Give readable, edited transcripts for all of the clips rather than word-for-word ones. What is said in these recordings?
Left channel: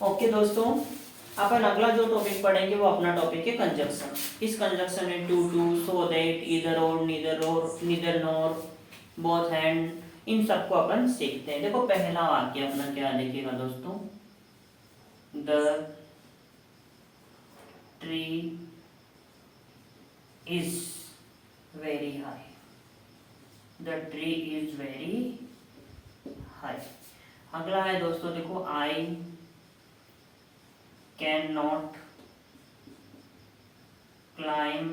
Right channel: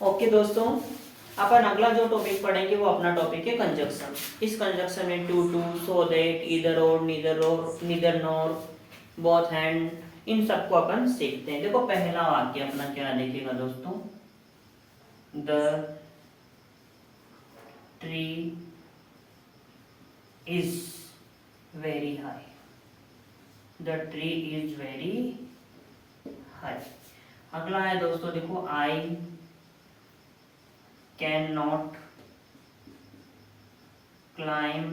Okay दोस्तों, अपन अगला जो टॉपिक पढ़ेंगे वो अपना टॉपिक है कंजक्शन। इस कंजक्शन में too to, so that, either और, नीदर नॉर, बोथ हैंड, इन सबको अपन सीखते हैं। देखो पहला वाक्य अपना क्या लिखेगा दोस्तों, the tree is very high, the tree is very high. अगला है दोस्तों देखो, I can not climb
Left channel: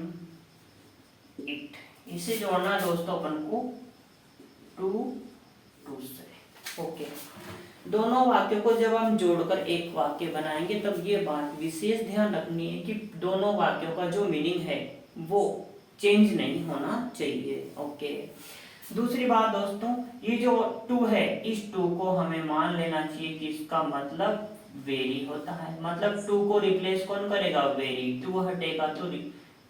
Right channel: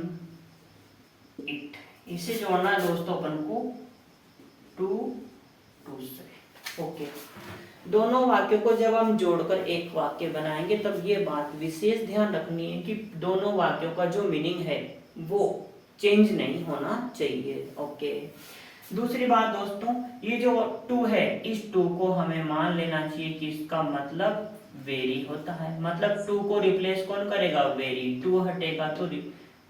it. इसे जोड़ना है दोस्तों अपन को टू टू से। ओके, दोनों वाक्यों को जब हम जोड़कर एक वाक्य बनाएंगे तब ये बात विशेष ध्यान रखनी है कि दोनों वाक्यों का जो मीनिंग है वो चेंज नहीं होना चाहिए। ओके, दूसरी बात दोस्तों, ये जो टू है इस टू को हमें मान लेना चाहिए कि इसका मतलब वेरी होता है। मतलब टू को रिप्लेस कौन करेगा, वेरी। टू हटेगा तो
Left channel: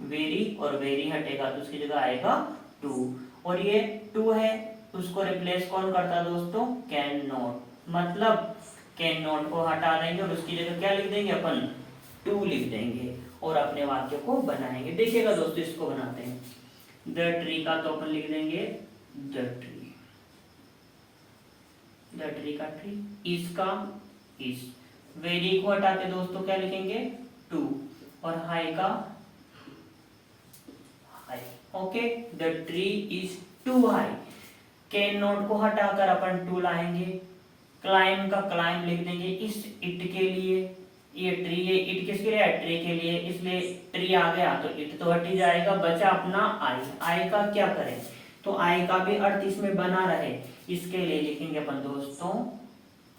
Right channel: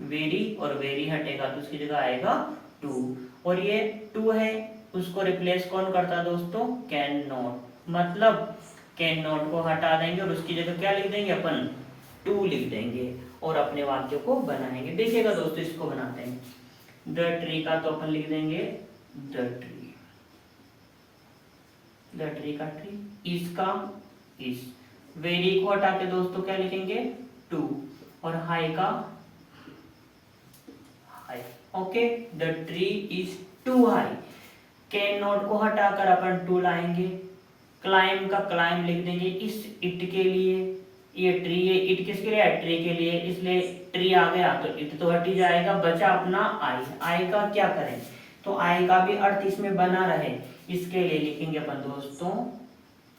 वेरी, और वेरी हटेगा तो उसकी जगह आएगा टू। और ये टू है उसको रिप्लेस कौन करता दोस्तों, कैन नॉट। मतलब कैन नॉट को हटा देंगे और उसकी जगह क्या लिख देंगे अपन, टू लिख देंगे और अपने वाक्य को बनाएंगे। देखिएगा दोस्तों, इसको बनाते हैं। द ट्री का तो अपन लिख देंगे द ट्री, द ट्री का ट्री, इसका इस, वेरी को हटा के दोस्तों क्या लिखेंगे, टू, और हाई का high. Okay, the tree is too high. Can not को हटाकर अपन टू लाएंगे, क्लाइम का क्लाइम लिख देंगे इस इट के लिए। ये ट्री है, इट किसके लिए, ट्री के लिए, इसलिए ट्री आ गया तो इट तो हट ही जाएगा, बचा अपना आई। आई का क्या करें, तो आई का भी अर्थ इसमें बना रहे, इसके लिए लिखेंगे अपन दोस्तों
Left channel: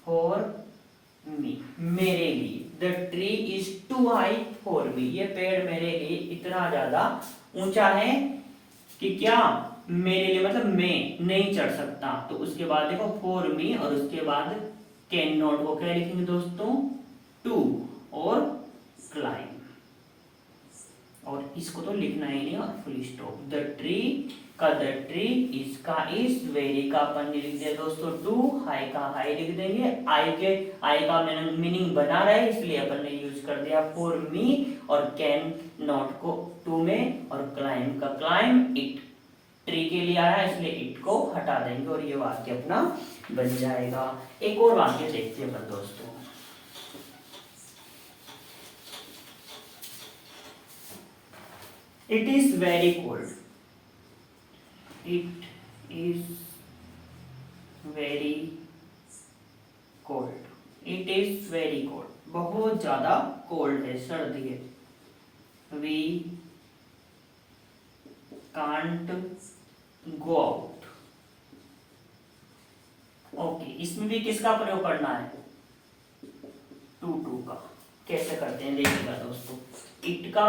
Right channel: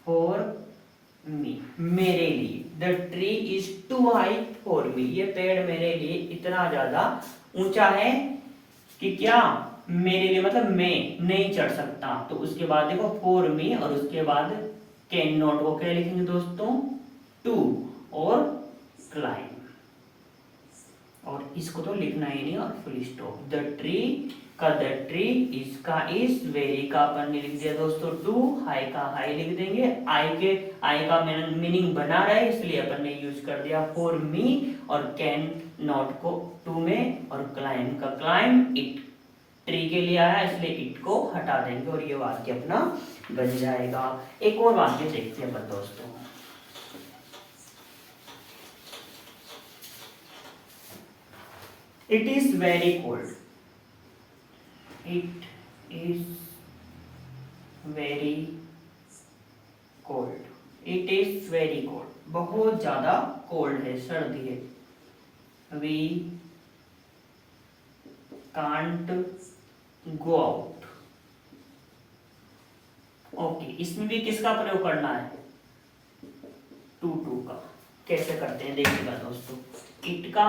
फॉर मी, मेरे लिए। The tree is too high for me, ये पेड़ मेरे लिए इतना ज्यादा ऊंचा है कि क्या, मेरे लिए, मतलब मैं नहीं चढ़ सकता। तो उसके बाद देखो फॉर मी, और उसके बाद कैन नॉट को क्या लिखेंगे दोस्तों, टू, और क्लाइम, और इसको तो लिखना ही नहीं, और फुल स्टॉप। द ट्री का द ट्री, इसका इस, वेरी का अपन ने लिख दिया दोस्तों टू, हाई का हाई लिख देंगे। आई का मीनिंग बना रहे इसलिए अपन ने यूज कर दिया फॉर मी, और कैन नॉट को टू में, और क्लाइम का क्लाइम, इट ट्री के लिए आया इसलिए इट को हटा देंगे और ये वाक्य अपना बन जाएगा। एक और वाक्य देखते हैं अपन दोस्तों, it is very cold, it is very cold, it is very cold, बहुत ज्यादा कोल्ड है, सर्दी है। We can't go out. Okay, इसमें भी किसका प्रयोग करना है, टू टू का। कैसे करते हैं देखिएगा दोस्तों, इट का,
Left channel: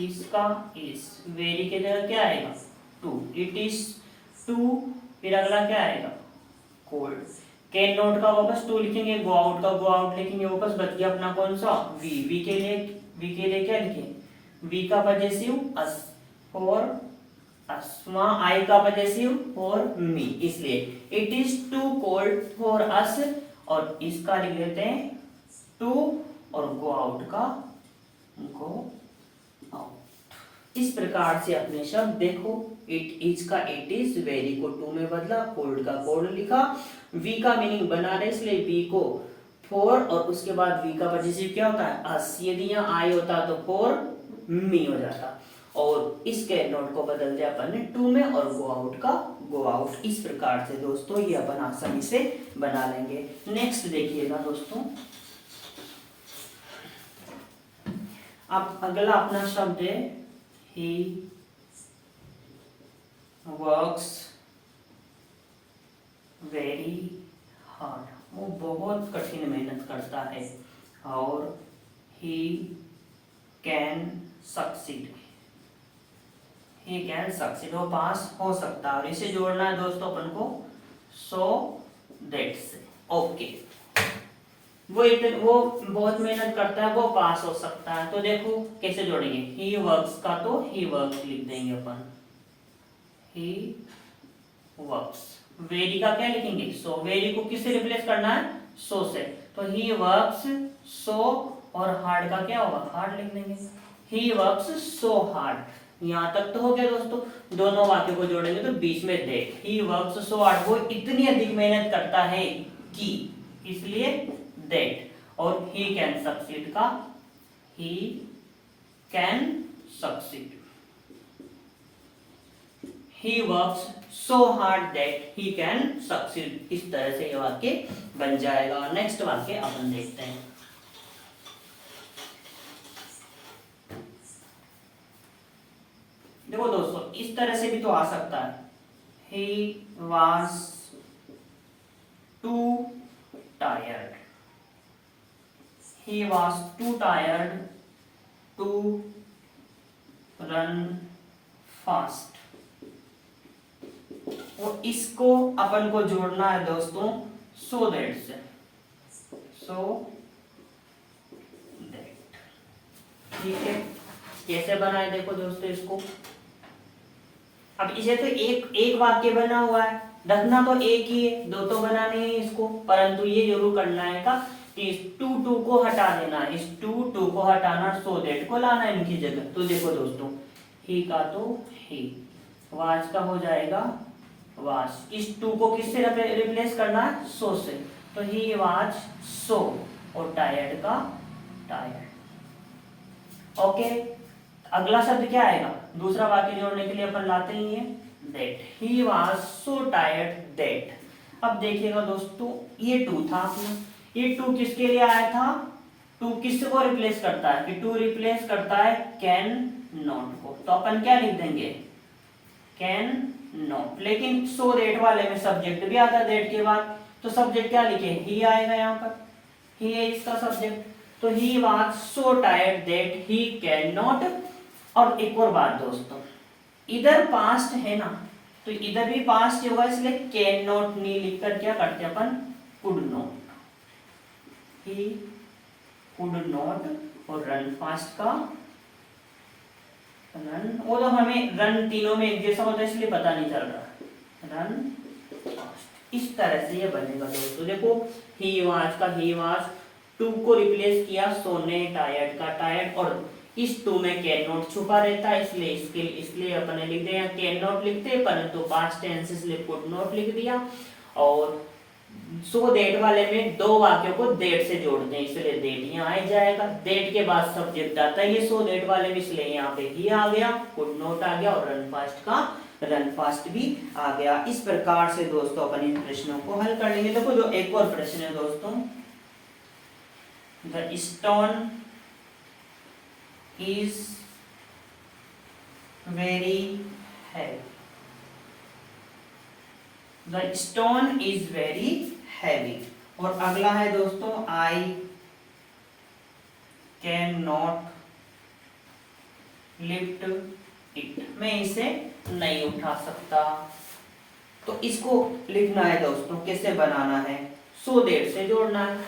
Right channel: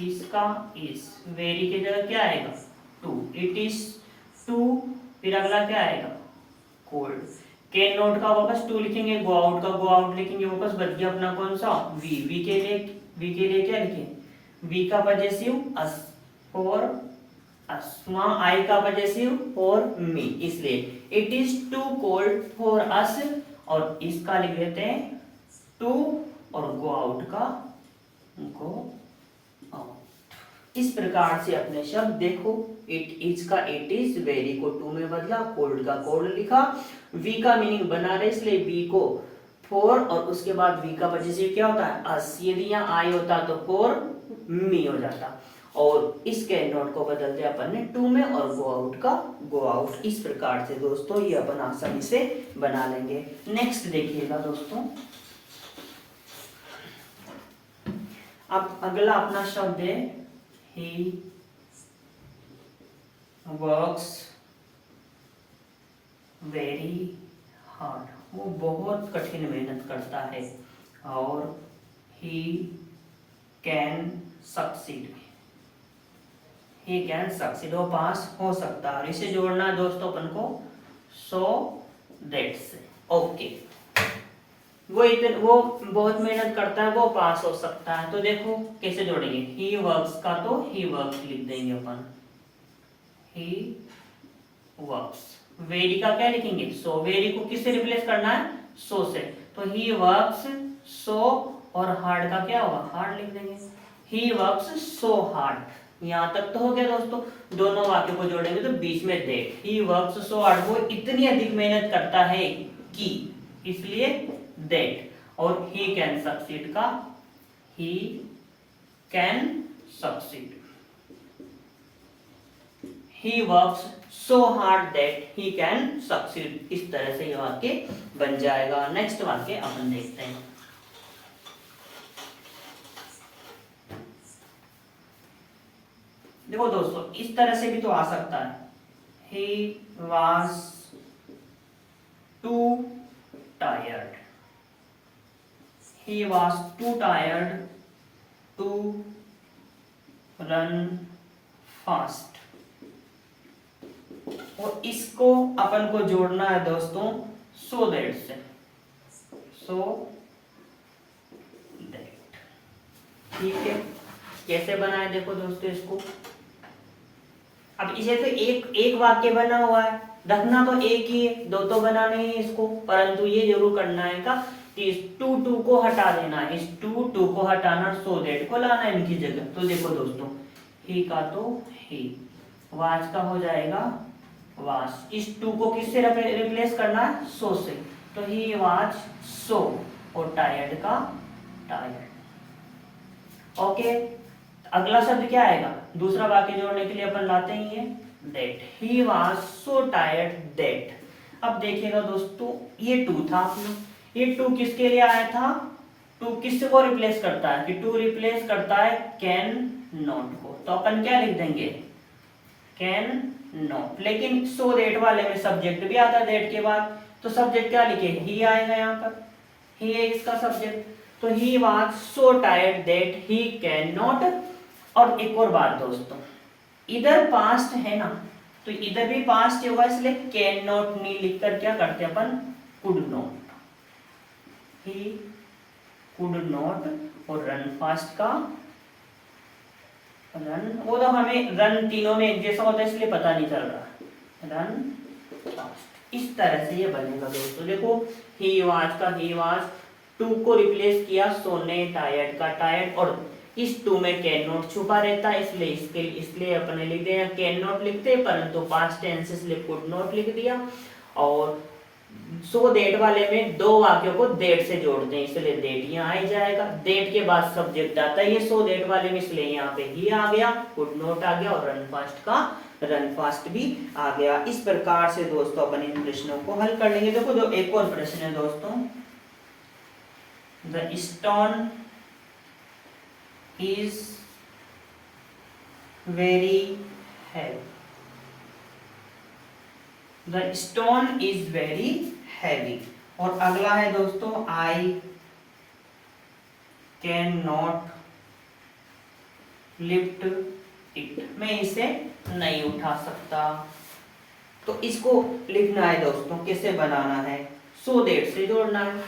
इसका इस, वेरी की जगह क्या आएगा, टू, इट इज टू, फिर अगला क्या आएगा, कोल्ड। कैन नॉट का वापस टू लिखेंगे, गो आउट का गो आउट लिखेंगे, वापस बच गया अपना कौन सा, वी। वी के लिए क्या लिखें, वी का पजेसिव अस, फॉर अस। वहां आई का पजेसिव फॉर मी, इसलिए it is too cold for us, और इसका लिख देते हैं टू, और गो आउट का गो आउट। इस प्रकार से अपने शब्द देखो, इट इज का इट इज, वेरी को टू में बदला, कोल्ड का कोल्ड लिखा, वी का मीनिंग बना रहे इसलिए वी को फॉर, और उसके बाद वी का पजेसिव क्या होता है, अस। यदि यहाँ आई होता तो फॉर मी हो जाता, और इस कैन नॉट को बदल दिया अपन ने टू में, और गो आउट का गो आउट। इस प्रकार से दोस्तों ये अपन आसानी से बना लेंगे। नेक्स्ट देखिएगा दोस्तों, अब अगला अपना शब्द है ही वर्क्स वेरी हार्ड, वो बहुत कठिन मेहनत करता है, और he can succeed, he can succeed, वो पास हो सकता है। और इसे जोड़ना है दोस्तों अपन को सो दैट से। ओके, वो बहुत मेहनत करता है, वो पास हो सकता है। तो देखो कैसे जोड़ेंगे, ही वर्क्स का तो ही वर्क्स लिख देंगे अपन, ही वर्क्स। वेरी का क्या लिखेंगे, सो। वेरी को किससे रिप्लेस करना है, सो से, तो ही वर्क्स सो और हार्ड का क्या होगा, हार्ड लिख देंगे, ही वर्क्स सो हार्ड। यहाँ तक तो हो गया दोस्तों। दोनों वाक्यों को जोड़ेंगे तो बीच में that, he works so hard, वो इतनी अधिक मेहनत करता है कि, इसलिए दैट। और ही कैन सक्सीड का he can succeed, he works so hard that he can succeed। इस तरह से ये वाक्य बन जाएगा। नेक्स्ट वाक्य अपन देखते हैं। देखो दोस्तों, इस तरह से भी तो आ सकता है, he was too tired, he was too tired to run fast। और इसको अपन को जोड़ना है दोस्तों सो दैट से, सो दैट। ठीक है, कैसे बना है देखो दोस्तों इसको। अब इसे तो एक वाक्य बना हुआ है, रखना तो एक ही है, दो तो बनाने ही इसको, परंतु ये जरूर करना है का कि इस टू को हटा देना है, इस टू को हटाना, सो दैट को लाना है इनकी जगह। तो देखो दोस्तों, ही का तो ही, वाच का हो जाएगा वास, इस टू को किससे रिप्लेस करना है, सो से, तो ही वाज सो, और टायर्ड का टायर्ड। ओके, अगला शब्द क्या आएगा, दूसरा वाक्य जोड़ने के लिए अपन लाते ही है that, he was so tired that. अब देखिएगा दोस्तों, ये टू था अपना, ये टू किसके लिए आया था, टू किस को रिप्लेस करता है, कि टू रिप्लेस करता है कैन नॉट को, तो अपन क्या लिख देंगे, कैन नॉट। लेकिन सो दैट वाले में सब्जेक्ट भी आता है दैट के बाद, तो सब्जेक्ट क्या लिखे, ही आएगा यहाँ पर, ही है इसका सब्जेक्ट। तो he was so tired that he can not. और एक और बात दोस्तों, इधर पास्ट है ना, तो इधर भी पास्ट होगा, इसलिए कैन नॉट नहीं लिखकर क्या करते अपन, could not, he could not. और रन फास्ट का रन, वो तो हमें रन तीनों में एक जैसा होता है इसलिए पता नहीं चल रहा, रन फास्ट। इस तरह से ये बनेगा दोस्तों। देखो, ही वाज का ही वाज, टू को रिप्लेस किया सोने टायर्ड का टायर्ड, और इस टू में कैन नॉट छुपा रहता है, इसलिए अपने लिख दिया कैन नॉट लिखते, परंतु पास्ट टेंस इसलिए कुड नॉट लिख दिया। और सो दैट वाले में दो वाक्यों को दैट से जोड़ते हैं, इसलिए दैट यहाँ आ जाएगा, दैट के बाद सब्जेक्ट आता है ये सो दैट वाले में, इसलिए यहाँ पे ही आ गया, कुड नॉट आ गया, और रन फास्ट का रन फास्ट भी आ गया। इस प्रकार से दोस्तों अपन इन प्रश्नों को हल कर लेंगे। देखो, जो एक और प्रश्न है दोस्तों, the stone is very heavy, the stone is very heavy. और अगला है दोस्तों, I can not lift it, मैं इसे नहीं उठा सकता। तो इसको लिखना है दोस्तों, कैसे बनाना है, सो दैट से जोड़ना है,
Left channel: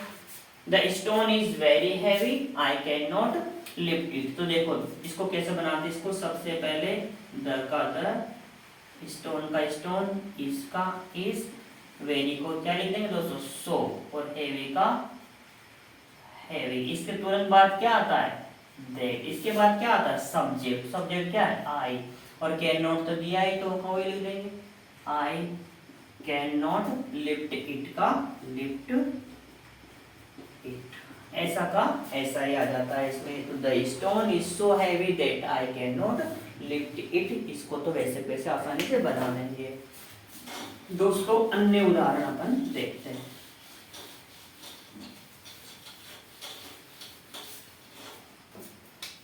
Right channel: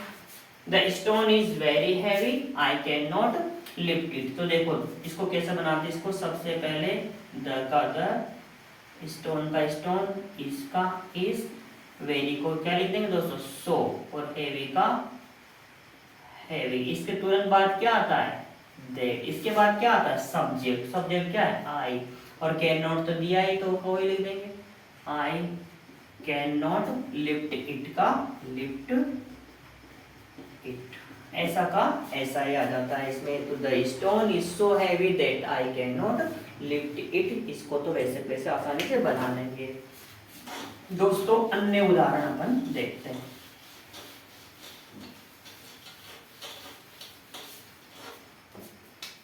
the stone is very heavy I can not lift it. तो देखो इसको कैसे बनाते हैं, इसको सबसे पहले द का द, स्टोन का स्टोन, इसका इस, वेरी को क्या लिख देंगे दोस्तों, सो, और हेवी का हैवी। इसके तुरंत बाद क्या आता है, दैट। इसके बाद क्या आता है, सब्जेक्ट, सब्जेक्ट क्या है, आई, और कैन नॉट तो दिया है तो वो ही लिख देंगे, I can not lift it का लिफ्ट इट, ऐसा का ऐसा ही आ जाता है इसमें। तो the stone is so heavy that I can not lift it, इसको तो वैसे वैसे आसानी से बना लेंगे दोस्तों। अन्य उदाहरण अपन देखते हैं।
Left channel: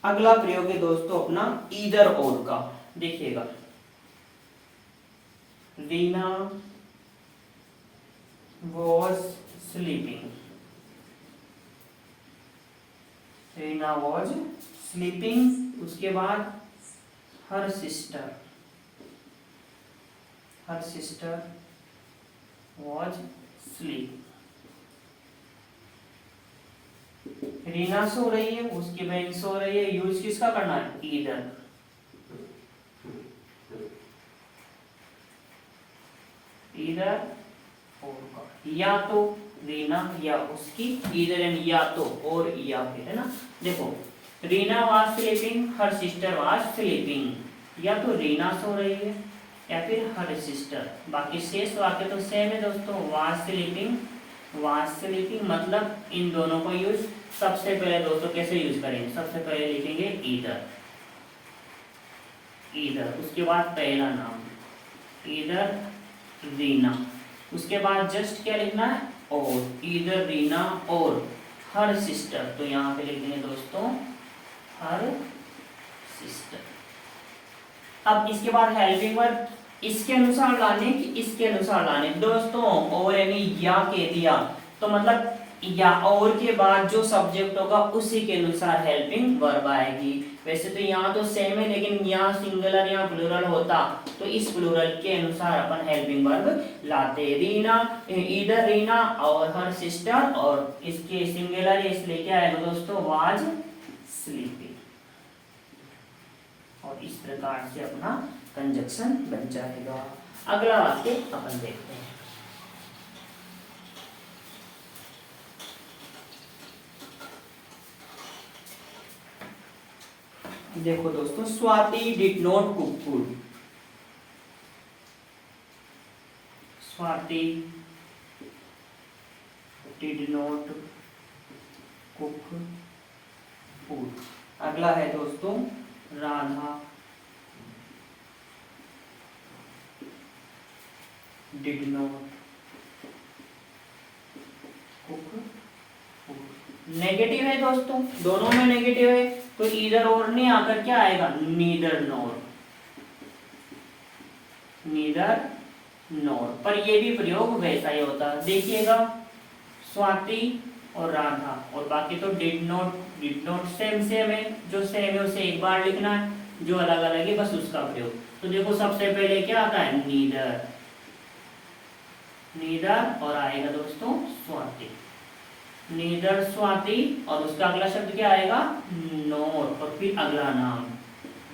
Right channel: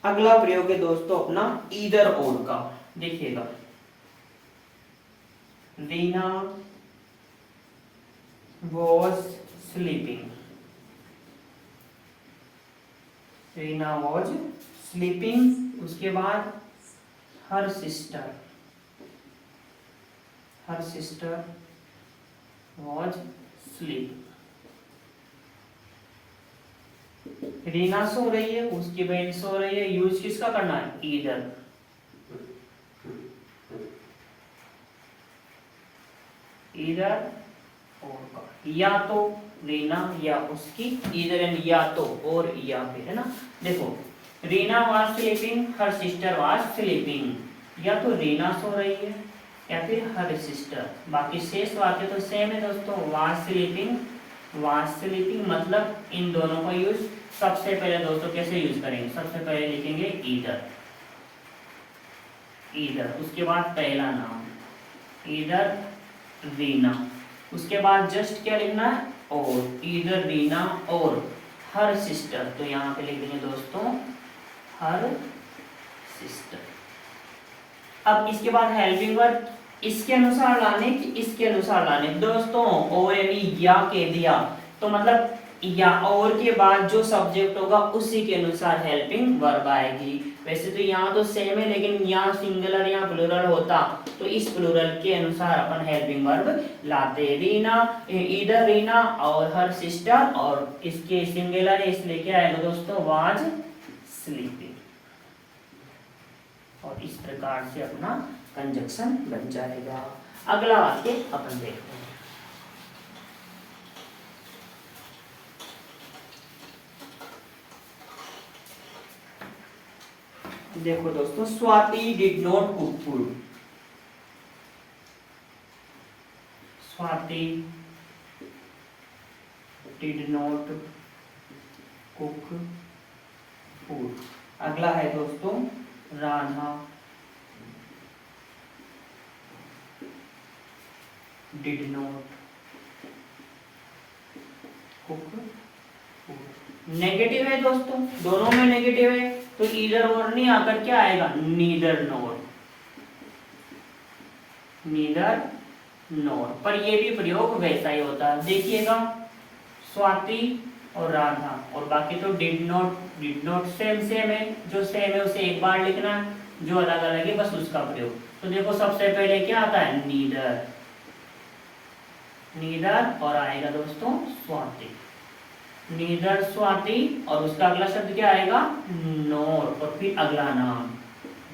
अगला प्रयोग है दोस्तों अपना ईदर और का। देखिएगा, Reena was sleeping, Reena was sleeping, उसके बाद her sister, her sister was sleep. Reena सो रही है, उसकी बहन सो रही है, यूज किसका करना है, ईदर, ईदर और का, या तो रीना या उसकी, इधर एंड या तो और या फिर, है ना। देखो Reena was sleeping, her sister was sleeping, या तो रीना सो रही है या फिर हर सिस्टर। बाकी शेष वाक्य तो सेम है दोस्तों, वाज स्लीपिंग मतलब इन दोनों का यूज सबसे पहले दोस्तों कैसे यूज करेंगे, सबसे पहले लिखेंगे ईदर, उसके बाद पहला नाम ईदर रीना, उसके बाद जस्ट क्या लिखना है और, ईदर रीना और हर सिस्टर, तो यहाँ पे लिख देंगे दोस्तों हर सिस्टर। अब इसके बाद हेल्पिंग वर्ब इसके अनुसार लाने कि इसके अनुसार लाने दोस्तों, और यानी या कह दिया तो मतलब या और के बाद जो सब्जेक्ट होगा उसी के अनुसार हेल्पिंग वर्ब आएगी। वैसे तो यहाँ तो सेम है, लेकिन यहाँ सिंगुलर या प्लूरल होता तो इस प्लूरल के अनुसार अपन हेल्पिंग वर्ब लाते। रीना, इधर रीना और हर सिस्टर, और इसके सिंगुलर है इसलिए क्या आएगा दोस्तों वाज स्लीपिंग। और इस प्रकार से अपना कंजक्शन बन जाएगा। अगला वाक्य अपन देखते हैं। देखो दोस्तों, Swati did not cook food, Swati did not cook food. अगला है दोस्तों Radha did not cook food. Negative है दोस्तों, दोनों में नेगेटिव है, तो इधर और नहीं आकर क्या आएगा नीदर नोर, नीदर नोर। पर ये भी प्रयोग वैसा ही होता है, देखिएगा स्वाति और राधा, और बाकी तो डिड नॉट सेम है, जो सेम है उसे एक बार लिखना है, जो अलग अलग है बस उसका प्रयोग। तो देखो सबसे पहले क्या आता है नीदर, और आएगा दोस्तों स्वाति, नीदर स्वाति, और उसका अगला शब्द क्या आएगा नोर, और फिर अगला नाम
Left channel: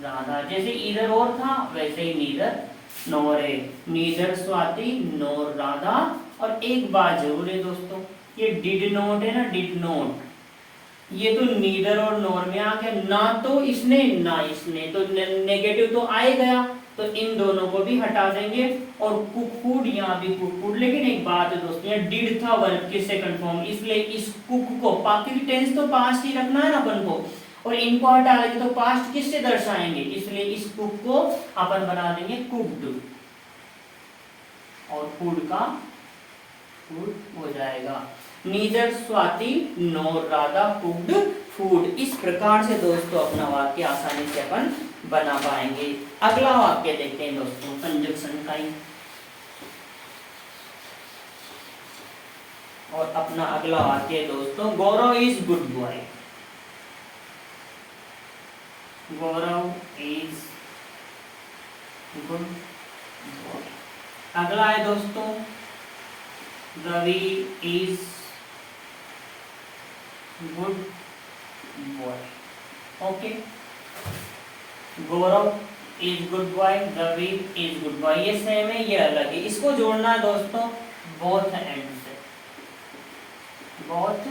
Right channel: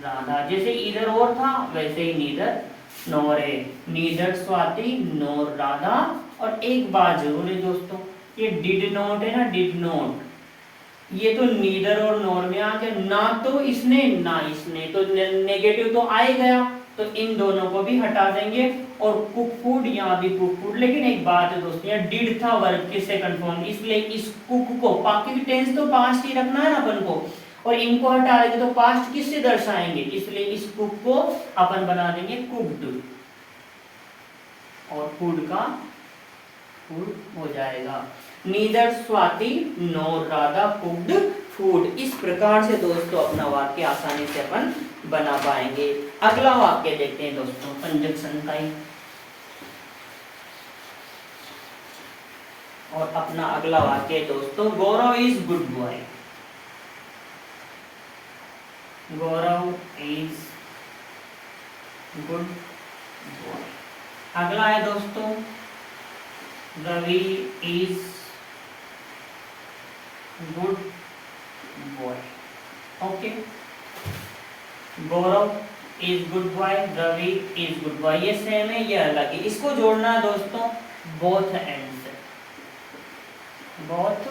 राधा। जैसे इधर और था वैसे ही नीदर नोर है, नीदर स्वाति नोर राधा। और एक बात जरूर है दोस्तों, ये डिड नोट है ना, डिड नोट, ये तो नीदर और नोर में आ गया, ना तो इसने ना इसने, तो नेगेटिव तो आ ही गया, तो इन दोनों को भी हटा देंगे। और कुक फूड, यहाँ भी कुक फूड। लेकिन एक बात है दोस्तों, यहाँ डिड था वर्ब के सेकंड फॉर्म, इसलिए इस कुक को बाकी टेंस तो पास्ट ही रखना है ना अपन को, और इनको हटा देंगे तो पास्ट किससे दर्शाएंगे, इसलिए इस कुक को अपन बना देंगे कुक्ड, और फूड का फूड हो जाएगा। नीदर स्वाति नोर राधा कुक्ड फूड। इस प्रकार से दोस्तों अपना वाक्य आसानी से अपन बना पाएंगे। अगला वाक्य देखते हैं दोस्तों, कंजक्शन टाइप। और अपना अगला वाक्य दोस्तों, Gaurav is good boy, Gaurav is good boy. अगला है दोस्तों, Ravi is good boy. Okay, Gaurav is good boy, Ravi is good boy, ये सेम है ये अलग है। इसको जोड़ना है दोस्तों बोथ एंड से, बोथ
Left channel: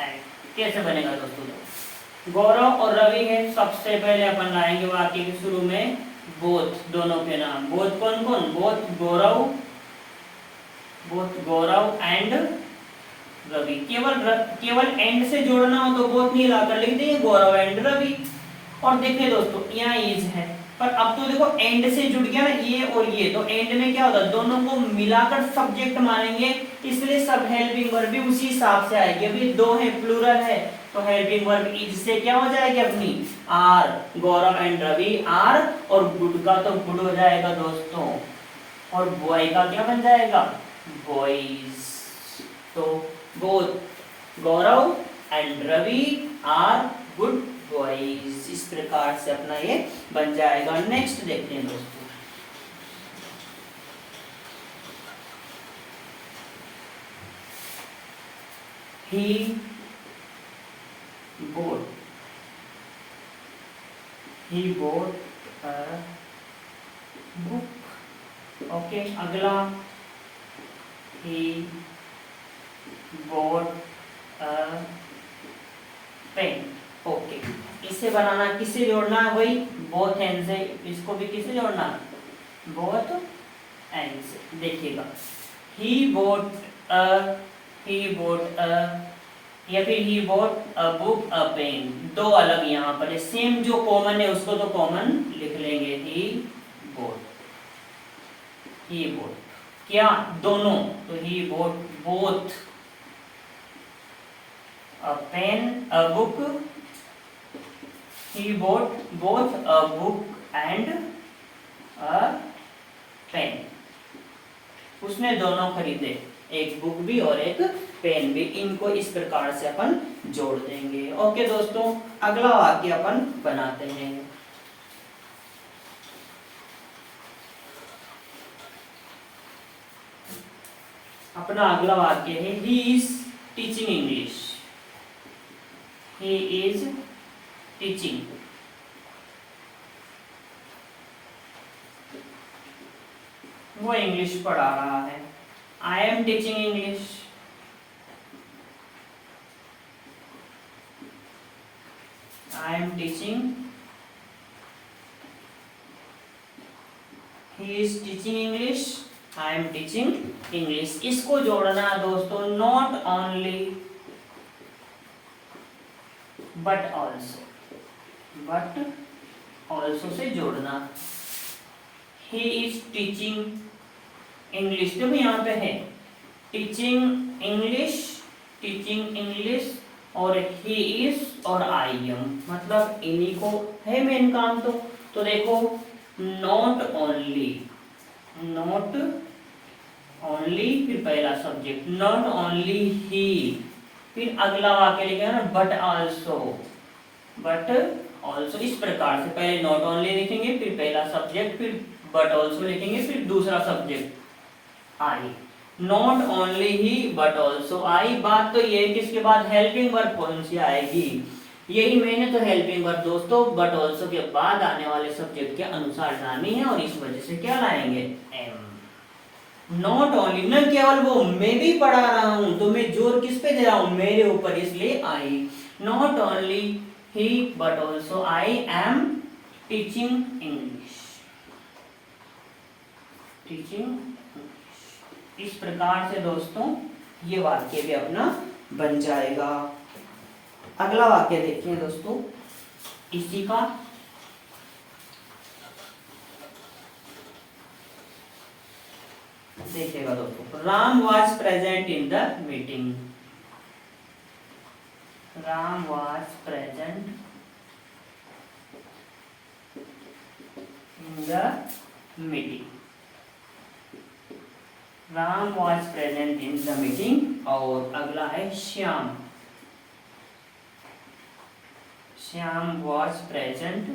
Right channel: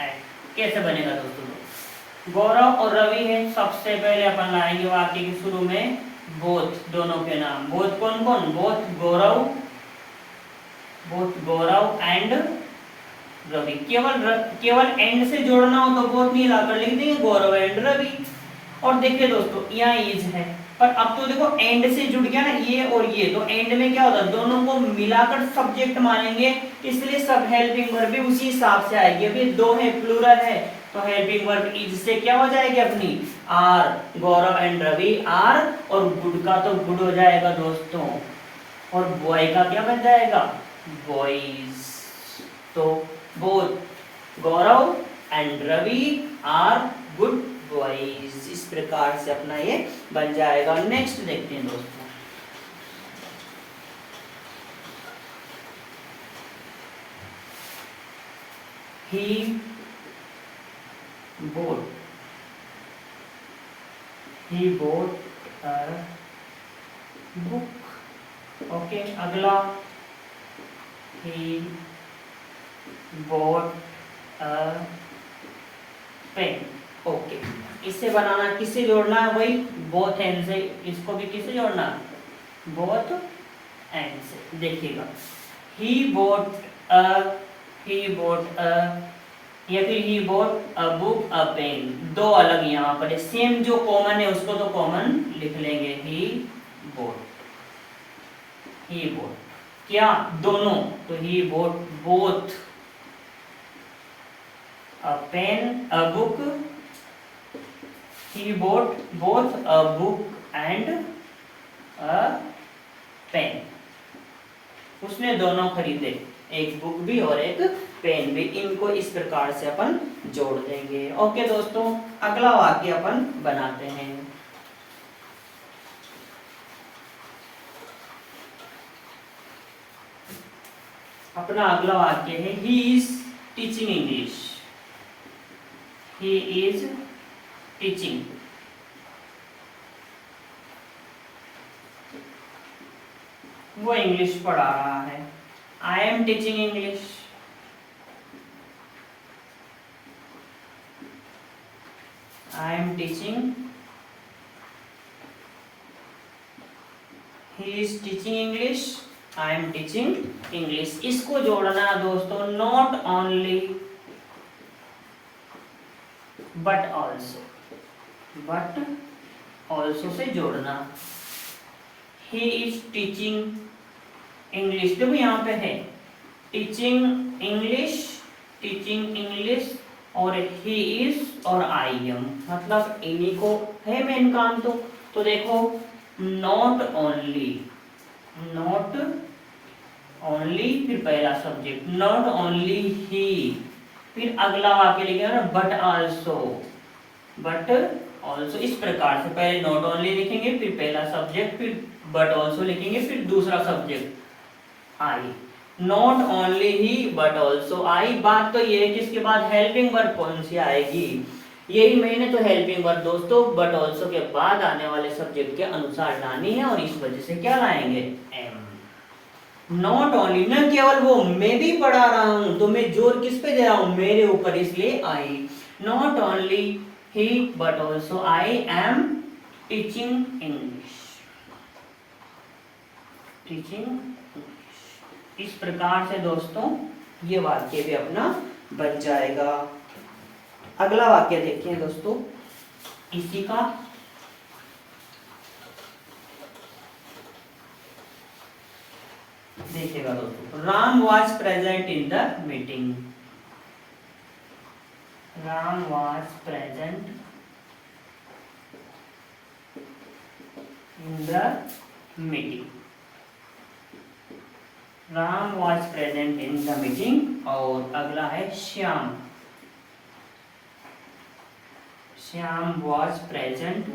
एंड कैसे बनेगा दोस्तों, गौरव और रवि है, सबसे पहले अपन लाएंगे वाक्य के शुरू में बोथ, दोनों के नाम। बोथ कौन कौन, बोथ गौरव एंड रवि। केवल एंड से जोड़ना हो तो बोथ नहीं लाकर लिख देंगे गौरव एंड रवि। और देखिए दोस्तों यहाँ इज है, पर अब तो देखो एंड से जुड़ गया ना ये और ये, तो एंड में क्या होता है दोनों को मिलाकर सब्जेक्ट मानेंगे, इसलिए सब हेल्पिंग वर्ब भी उसी हिसाब से आएगी। अभी दो है प्लूरल है, तो हेल्पिंग वर्ब इज से क्या हो जाएगी अपनी are, Gaurav and Ravi are, और गुड का तो गुड हो जाएगा दोस्तों, और बॉय का क्या बन जाएगा बॉयज। तो both Gaurav and Ravi are good boys. इस प्रकार से अपना ये बन जाएगा। नेक्स्ट देखते हैं दोस्तों, he bought a book। Okay, अगला he bought a pen। Okay, इसे बनाना किससे जोड़ना है, वही बोथ एंड से, इसको भी किससे जोड़ना, बोथ एंड से। देखिएगा, he bought a या फिर he bought a book a pen, दो अलग यहाँ पर है, सेम जो कॉमन है उसको तो कॉमन लिख लेंगे, he bought क्या, दोनों, तो he bought both a pen a book, he bought both a book and a pen, उसने दोनों खरीदे, एक बुक भी और एक पेन भी। इनको इस प्रकार से अपन जोड़ देंगे। ओके दोस्तों, अगला वाक्य अपन बनाते हैं। अपना अगला वाक्य है he is teaching English. He is teaching, वो इंग्लिश पढ़ा रहा है। आई am teaching English, I am teaching, he is teaching English, I am teaching English. इसको जोड़ना दोस्तों, not only but also, but also say जोड़ना। ही इज टीचिंग इंग्लिश, देखो यहाँ पे है टीचिंग इंग्लिश और ही इज और आई एम, मतलब इन्हीं को है मेन काम। तो देखो, नॉट ओनली फिर पहला सब्जेक्ट, नॉट ओनली ही, फिर अगला वाक्य लिखेंगे ना, बट ऑल्सो, इस प्रकार से पहले नॉट ओनली लिखेंगे, फिर पहला सब्जेक्ट, फिर बट ऑल्सो लिखेंगे, फिर दूसरा subject I. Not only he but also आई। बात तो ये है कि इसके बाद हेल्पिंग वर्ब कौन सी आएगी, यही मैंने तो हेल्पिंग वर्ब दोस्तों बट ऑल्सो के बाद आने वाले सब्जेक्ट के अनुसार लानी है, और इस वजह से क्या लाएंगे, एम। नॉट ओनली, न केवल वो, मैं भी पढ़ा रहा हूं, तो मैं जोर किस पे दे रहा हूं, मेरे ऊपर, इसलिए I. Not only he but also I am teaching English, teaching. इस प्रकार से दोस्तों ये वाक्य भी अपना बन जाएगा। अगला वाक्य देखते हैं दोस्तों इसी का। देखिएगा दोस्तों, Ram was present in the meeting. Ram was present in the meeting. Ram was present in the meeting. और अगला है Shyam. Shyam was present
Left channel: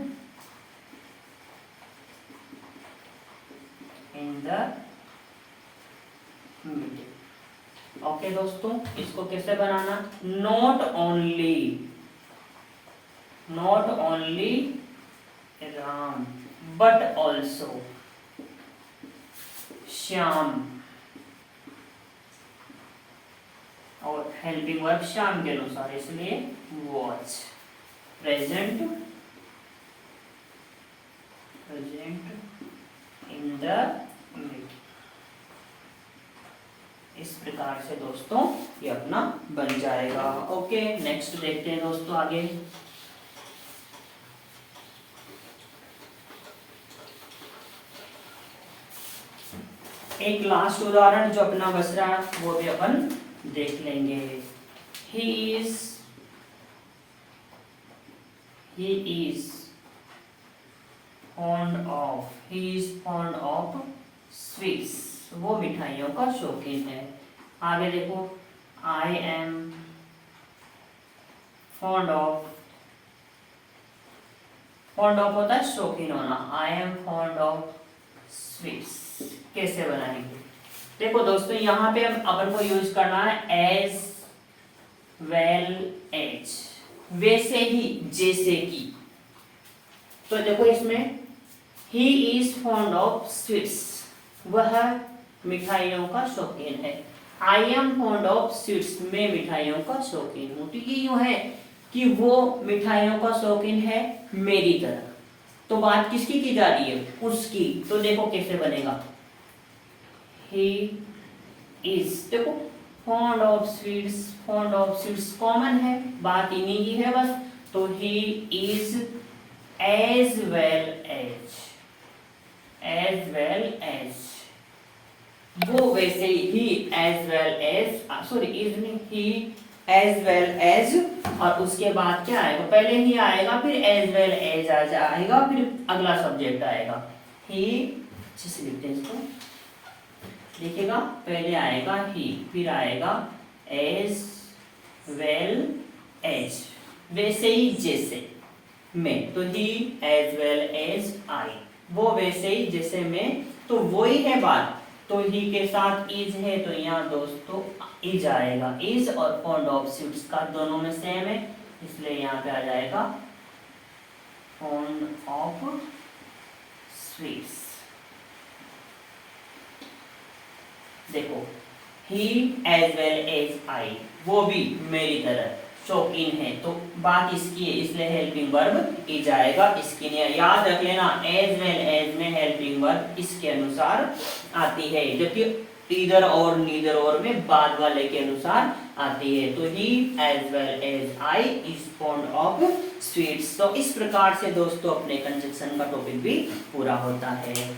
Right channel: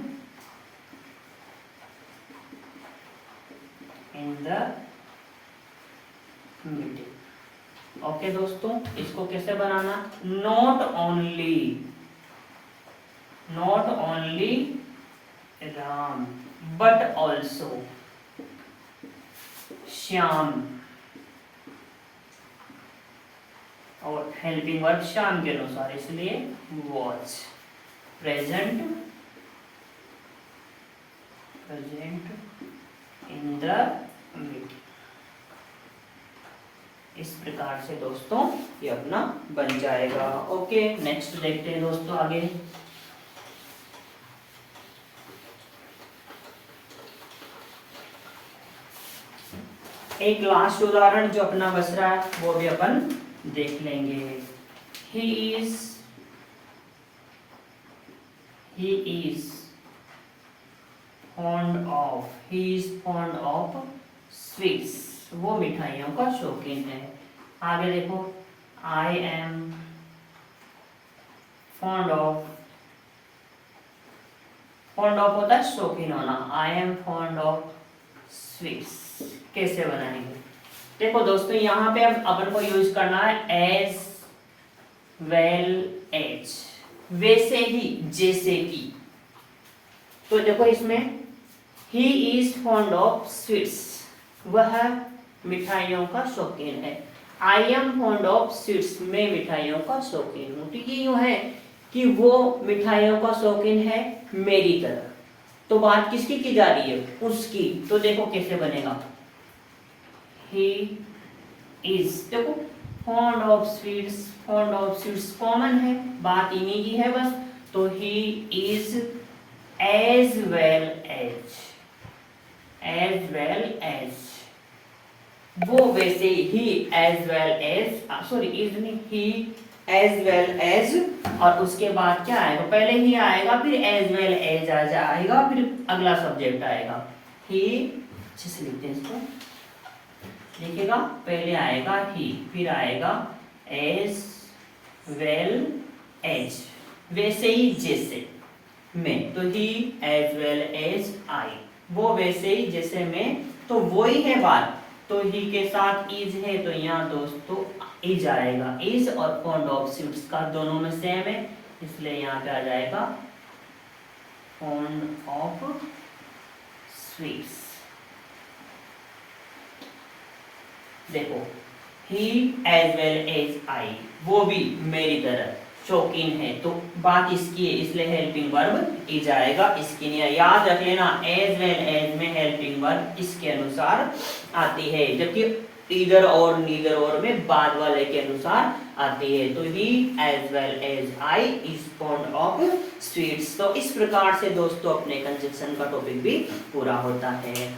in the meeting. Okay दोस्तों, इसको कैसे बनाना, not only Ram but also Shyam, और हेल्पिंग वर्ब श्याम के अनुसार, इसलिए was present in the meeting. इस प्रकार से दोस्तों ये अपना बन जाएगा। ओके, नेक्स्ट देखते हैं दोस्तों आगे। एक लास्ट उदाहरण जो अपना बच रहा है वो भी अपन देख लेंगे। He is fond of sweets, वो मिठाइयों का शौकीन है। आगे देखो, आई एम फॉन्ड ऑफ होता है शौकीन होना, I am fond of sweets. कैसे बनाएंगे, देखो दोस्तों यहाँ पे अब अपन को यूज करना है एज वेल एज, वैसे ही जैसे कि। तो देखो इसमें he is fond of sweets, वह मिठाइयों का शौकीन है। I am fond of sweets, मैं मिठाइयों का शौकीन हूँ। तो ये यूं है कि वो मिठाइयों का शौकीन है मेरी तरह। तो बात किसकी की जा रही है? उसकी। तो देखो कैसे बनेगा, ही इज, देखो फॉन्ड ऑफ स्वीट्स कॉमन है, बात इन्हीं की है बस। तो he is as well as वो वैसे ही as well as, sorry is नहीं, ही एज वेल एज, और उसके बाद क्या आएगा, पहले ही आएगा फिर एज वेल एज आ जाएगा, फिर अगला सब्जेक्ट आएगा। ही, अच्छे से लिखते हैं इसको, देखिएगा पहले आएगा ही, फिर आएगा एज वेल एज, वैसे ही जैसे मैं, तो ही एज वेल एज आई, वो वैसे ही जैसे मैं, तो वो ही है बात। तो ही के साथ इज है, तो यहाँ दोस्तों इज आएगा, इज और फॉन्ड ऑफ स्वीट्स का दोनों में सेम है, इसलिए यहाँ पे आ जाएगा फॉन्ड ऑफ स्वीट्स। देखो ही एज वेल एज आई, वो भी मेरी तरह शौकीन है, तो बात इसकी है, इसलिए हेल्पिंग वर्ब इज आएगा। इसकी नहीं याद रख लेना, एज वेल एज में हेल्पिंग वर्ब इसके अनुसार आती है, जबकि ईदर और नीदर और में बाद वाले के अनुसार आती है। तो he as well as I is fond of sweets. तो इस प्रकार से दोस्तों अपने कंजक्शन का टॉपिक भी पूरा होता है।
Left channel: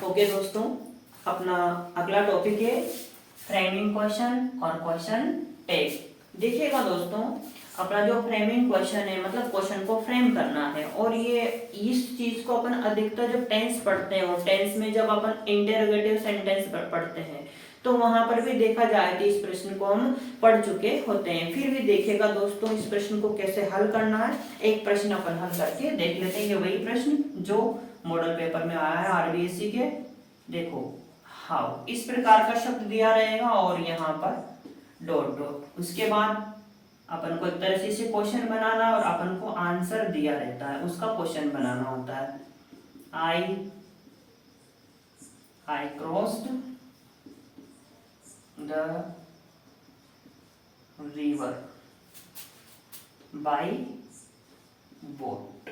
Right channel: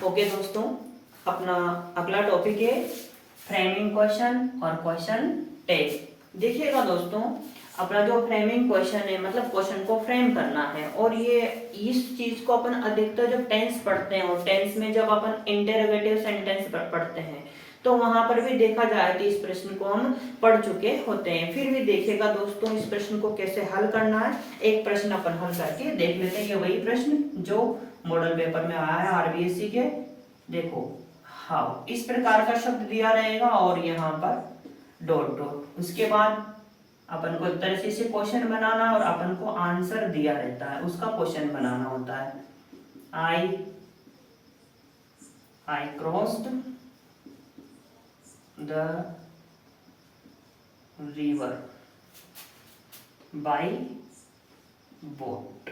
ओके दोस्तों, अपना अगला टॉपिक है फ्रेमिंग क्वेश्चन और क्वेश्चन टेस्ट। देखिएगा दोस्तों, अपना जो फ्रेमिंग क्वेश्चन है, मतलब क्वेश्चन को फ्रेम करना है, और ये इस चीज को अपन अधिकतर जब टेंस पढ़ते हैं, और टेंस में जब अपन इंटेरोगेटिव सेंटेंस पढ़ते हैं, तो वहां पर भी देखा जाए कि इस प्रश्न को हम पढ़ चुके होते हैं। फिर भी देखिएगा दोस्तों, इस प्रश्न को कैसे हल करना है, एक प्रश्न अपन हल करके देख लेते हैं। ये वही प्रश्न जो मॉडल पेपर में आया है आरबीएससी के। देखो हाउ, इस प्रकार का शब्द दिया रहेगा और यहाँ पर डॉट डॉट, उसके बाद अपन को एक तरह से इसे क्वेश्चन बनाना है और अपन को आंसर दिया रहता है, उसका क्वेश्चन बनाना होता है। आई crossed the river bye boat.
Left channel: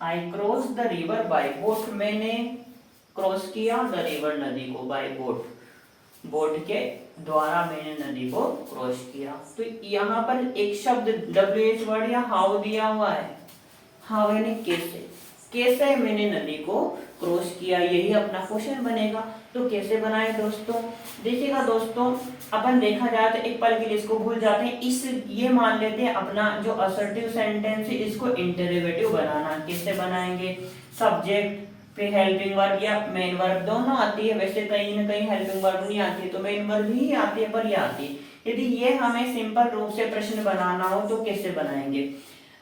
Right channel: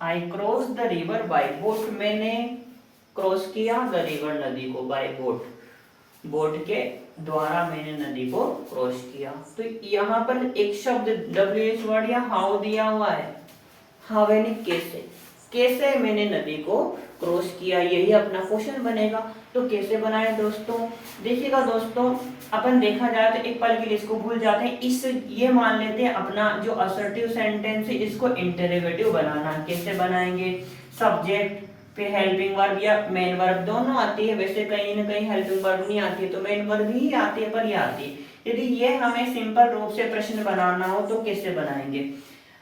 I cross the river bye boat, मैंने क्रॉस किया द रिवर, नदी को, बाय बोट, बोट के द्वारा मैंने नदी को क्रॉस किया। तो यहाँ पर एक शब्द WH वर्ड या हाउ दिया हुआ है, हाउ यानी कैसे, कैसे मैंने नदी को क्रॉस किया, यही अपना क्वेश्चन बनेगा। तो कैसे बनाए दोस्तों, देखिएगा दोस्तों, अपन देखा जाए तो एक पल के लिए इसको भूल जाते हैं, इस ये मान लेते हैं अपना जो असर्टिव सेंटेंस है इसको इंटरोगेटिव बनाना। कैसे बनाएंगे, सब्जेक्ट पे हेल्पिंग वर्ब या मेन वर्ब दोनों आती है, वैसे कहीं ना कहीं हेल्पिंग वर्ब नहीं आती है तो मेन वर्ब ही आती है, पर ये आती है। यदि ये हमें सिंपल रूप से प्रश्न बनाना हो तो कैसे बनाएंगे,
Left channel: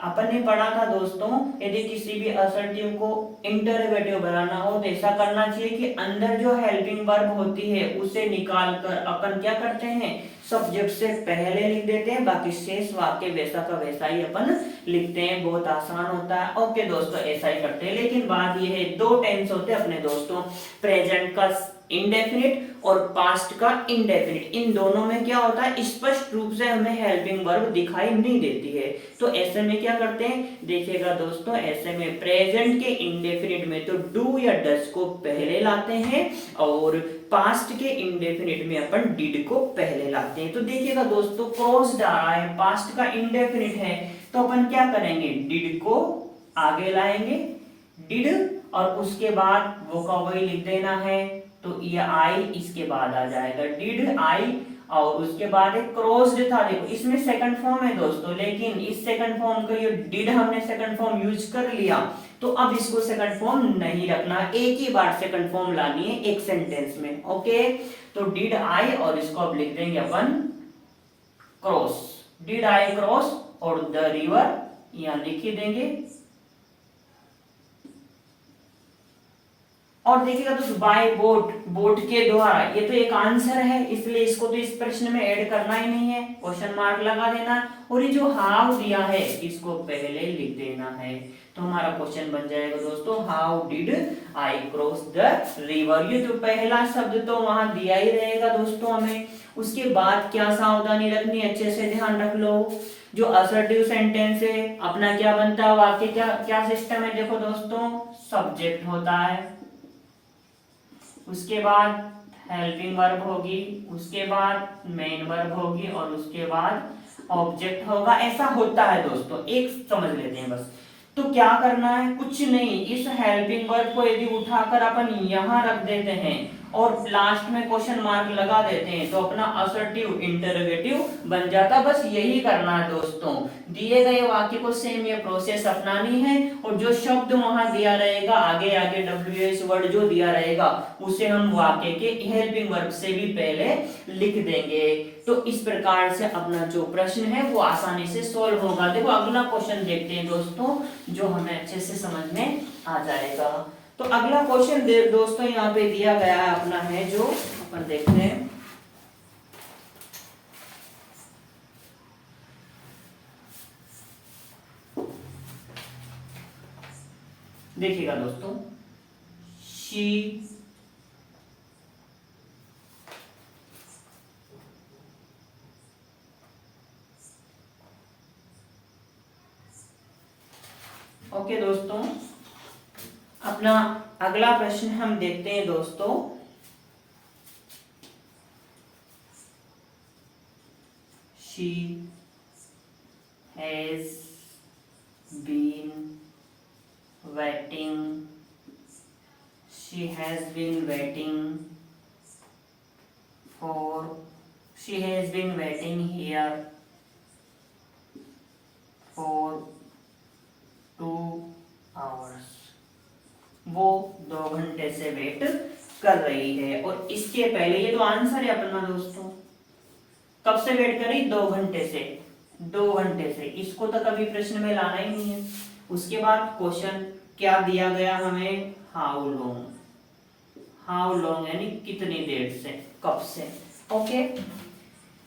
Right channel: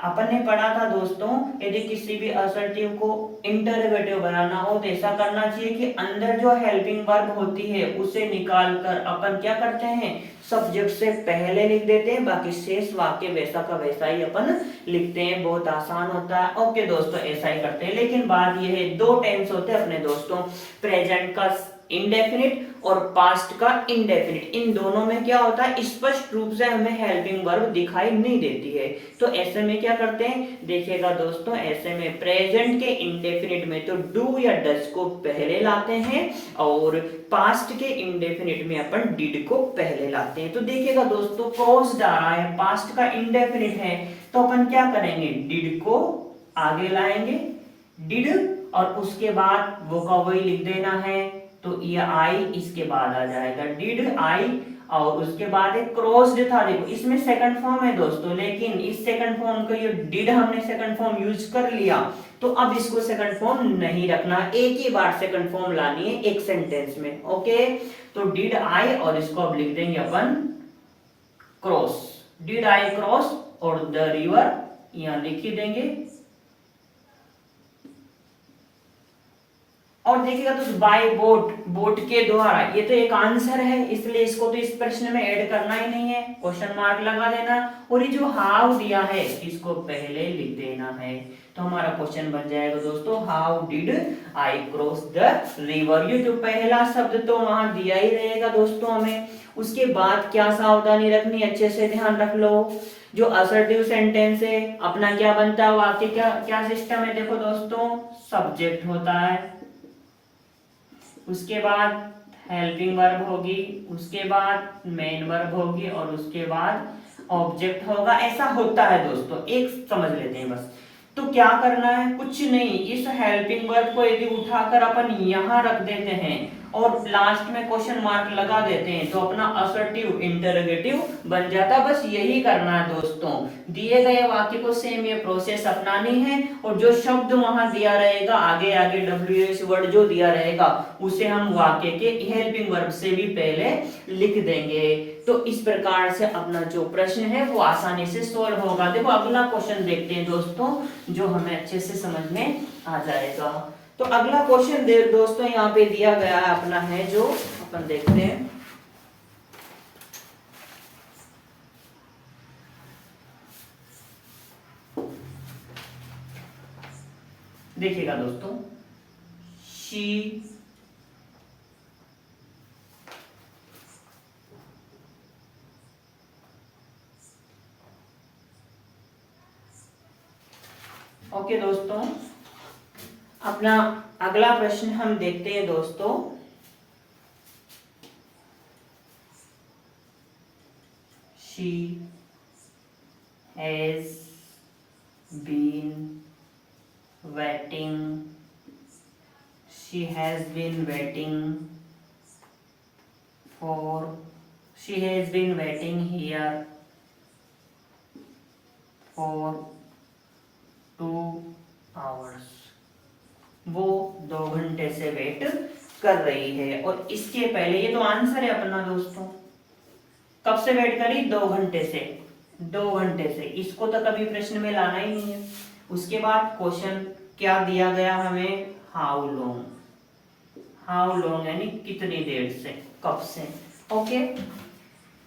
अपन ने पढ़ा था दोस्तों, यदि किसी भी असर्टिव को इंटरोगेटिव बनाना हो तो ऐसा करना चाहिए कि अंदर जो हेल्पिंग वर्ब होती है उसे निकाल कर अपन क्या करते हैं, सब्जेक्ट से पहले लिख देते हैं, बाकी शेष वाक्य वैसा का वैसा ही अपन लिखते हैं, बहुत आसान होता है। ओके दोस्तों, ऐसा ही करते हैं। लेकिन बात यह है, दो टेंस होते हैं अपने दोस्तों, प्रेजेंट का इंडेफिनिट और पास्ट का इंडेफिनिट, इन दोनों में क्या होता है, स्पष्ट रूप से हमें हेल्पिंग वर्ब दिखाई नहीं देती है। तो ऐसे में क्या करते हैं, देखिएगा दोस्तों, ऐसे में प्रेजेंट के इंडेफिनिट में तो डू या डज को पहले लाते हैं, और पास्ट के इंडेफिनिट में अपन डिड को पहले लाते हैं। तो देखिएगा दोस्तों, क्रॉस्ड आ रहा है, पास्ट का इंडेफिनिट है, तो अपन क्या करेंगे, डिड को आगे लाएंगे, डिड, और उसके बाद वो का वही लिख देना है, तो ये आई इसके बाद आ जाएगा, डिड आई, और उसके बाद एक क्रॉस्ड था, देखो इसमें सेकंड फॉर्म है दोस्तों, लेकिन इस सेकंड फॉर्म का ये डिड हमने सेकंड फॉर्म यूज कर लिया, तो अब इसको सेकंड फॉर्म नहीं रखना, एक ही बार सेकंड फॉर्म लानी है एक सेंटेंस में। ओके, तो डिड आई, और इसको अब लिख देंगे अपन क्रॉस, डिड आई क्रॉस, और द रिवर यहां लिख ही देंगे, और देखिएगा दोस्तों बाय बोट, बोट के द्वारा, ये तो एक आंसर है इसलिए इसको तो इस प्रश्न में ऐड करना ही नहीं है, क्वेश्चन मार्क लगा देना। और ये जो हाउ दिया है इसको पहले लिख देना है। तो हमारा क्वेश्चन बन जाएगा दोस्तों, how did I cross the river. ये जो पहला शब्द तो वहां दिया ही रहेगा दोस्तों हमें। उसके बाद क्या सावधानी रखनी, अच्छे से ध्यान रख लो। जो असर्टिव सेंटेंस है अपना क्या बनता है, वाक्य क्या क्या सिस्टम है, देखो दोस्तों सब्जेक्ट होता है, उसके बाद हेल्पिंग वर्ब होगी, उसके बाद मेन वर्ब होगी और उसके बाद ऑब्जेक्ट होगा। ऐसा होता है दोस्तों, एक समझ लेते हैं बस। तो क्या करना है, कुछ नहीं, इस हेल्पिंग वर्ब को यदि उठाकर अपन यहां रख देते हैं और लास्ट में क्वेश्चन मार्क लगा देते हैं तो अपना असर्टिव इंटरोगेटिव बन जाता। बस यही करना है दोस्तों, दिए गए वाक्य को सेम ये प्रोसेस अपनानी है। और जो शब्द वहां दिया रहेगा आगे आगे WH वर्ड जो दिया रहेगा उसे हम वाक्य के हेल्पिंग वर्ब से भी पहले लिख देंगे। तो इस प्रकार से अपना जो प्रश्न है वो आसानी से सॉल्व होगा। देखो अगला क्वेश्चन देखते हैं दोस्तों, जो हमें अच्छे से समझ में आ जाएगा। तो अगला क्वेश्चन दोस्तों यहाँ पे दिया गया है अपना है, जो अपन देखते हैं। देखिएगा दोस्तों, शी ओके दोस्तों, अपना अगला प्रश्न हम देखते हैं दोस्तों। She has been waiting, she has been waiting here for 2 hours। वो 2 घंटे से वेट कर रही है। और इसके पहले, ये तो आंसर है अपना दोस्तों, कब से वेट करी, 2 घंटे से, 2 घंटे से, इसको तो कभी प्रश्न में लाना ही नहीं है। उसके बाद क्वेश्चन क्या दिया गया हमें, हाउ लॉन्ग, हाउ लॉन्ग यानी कितनी देर से, कब से। ओके,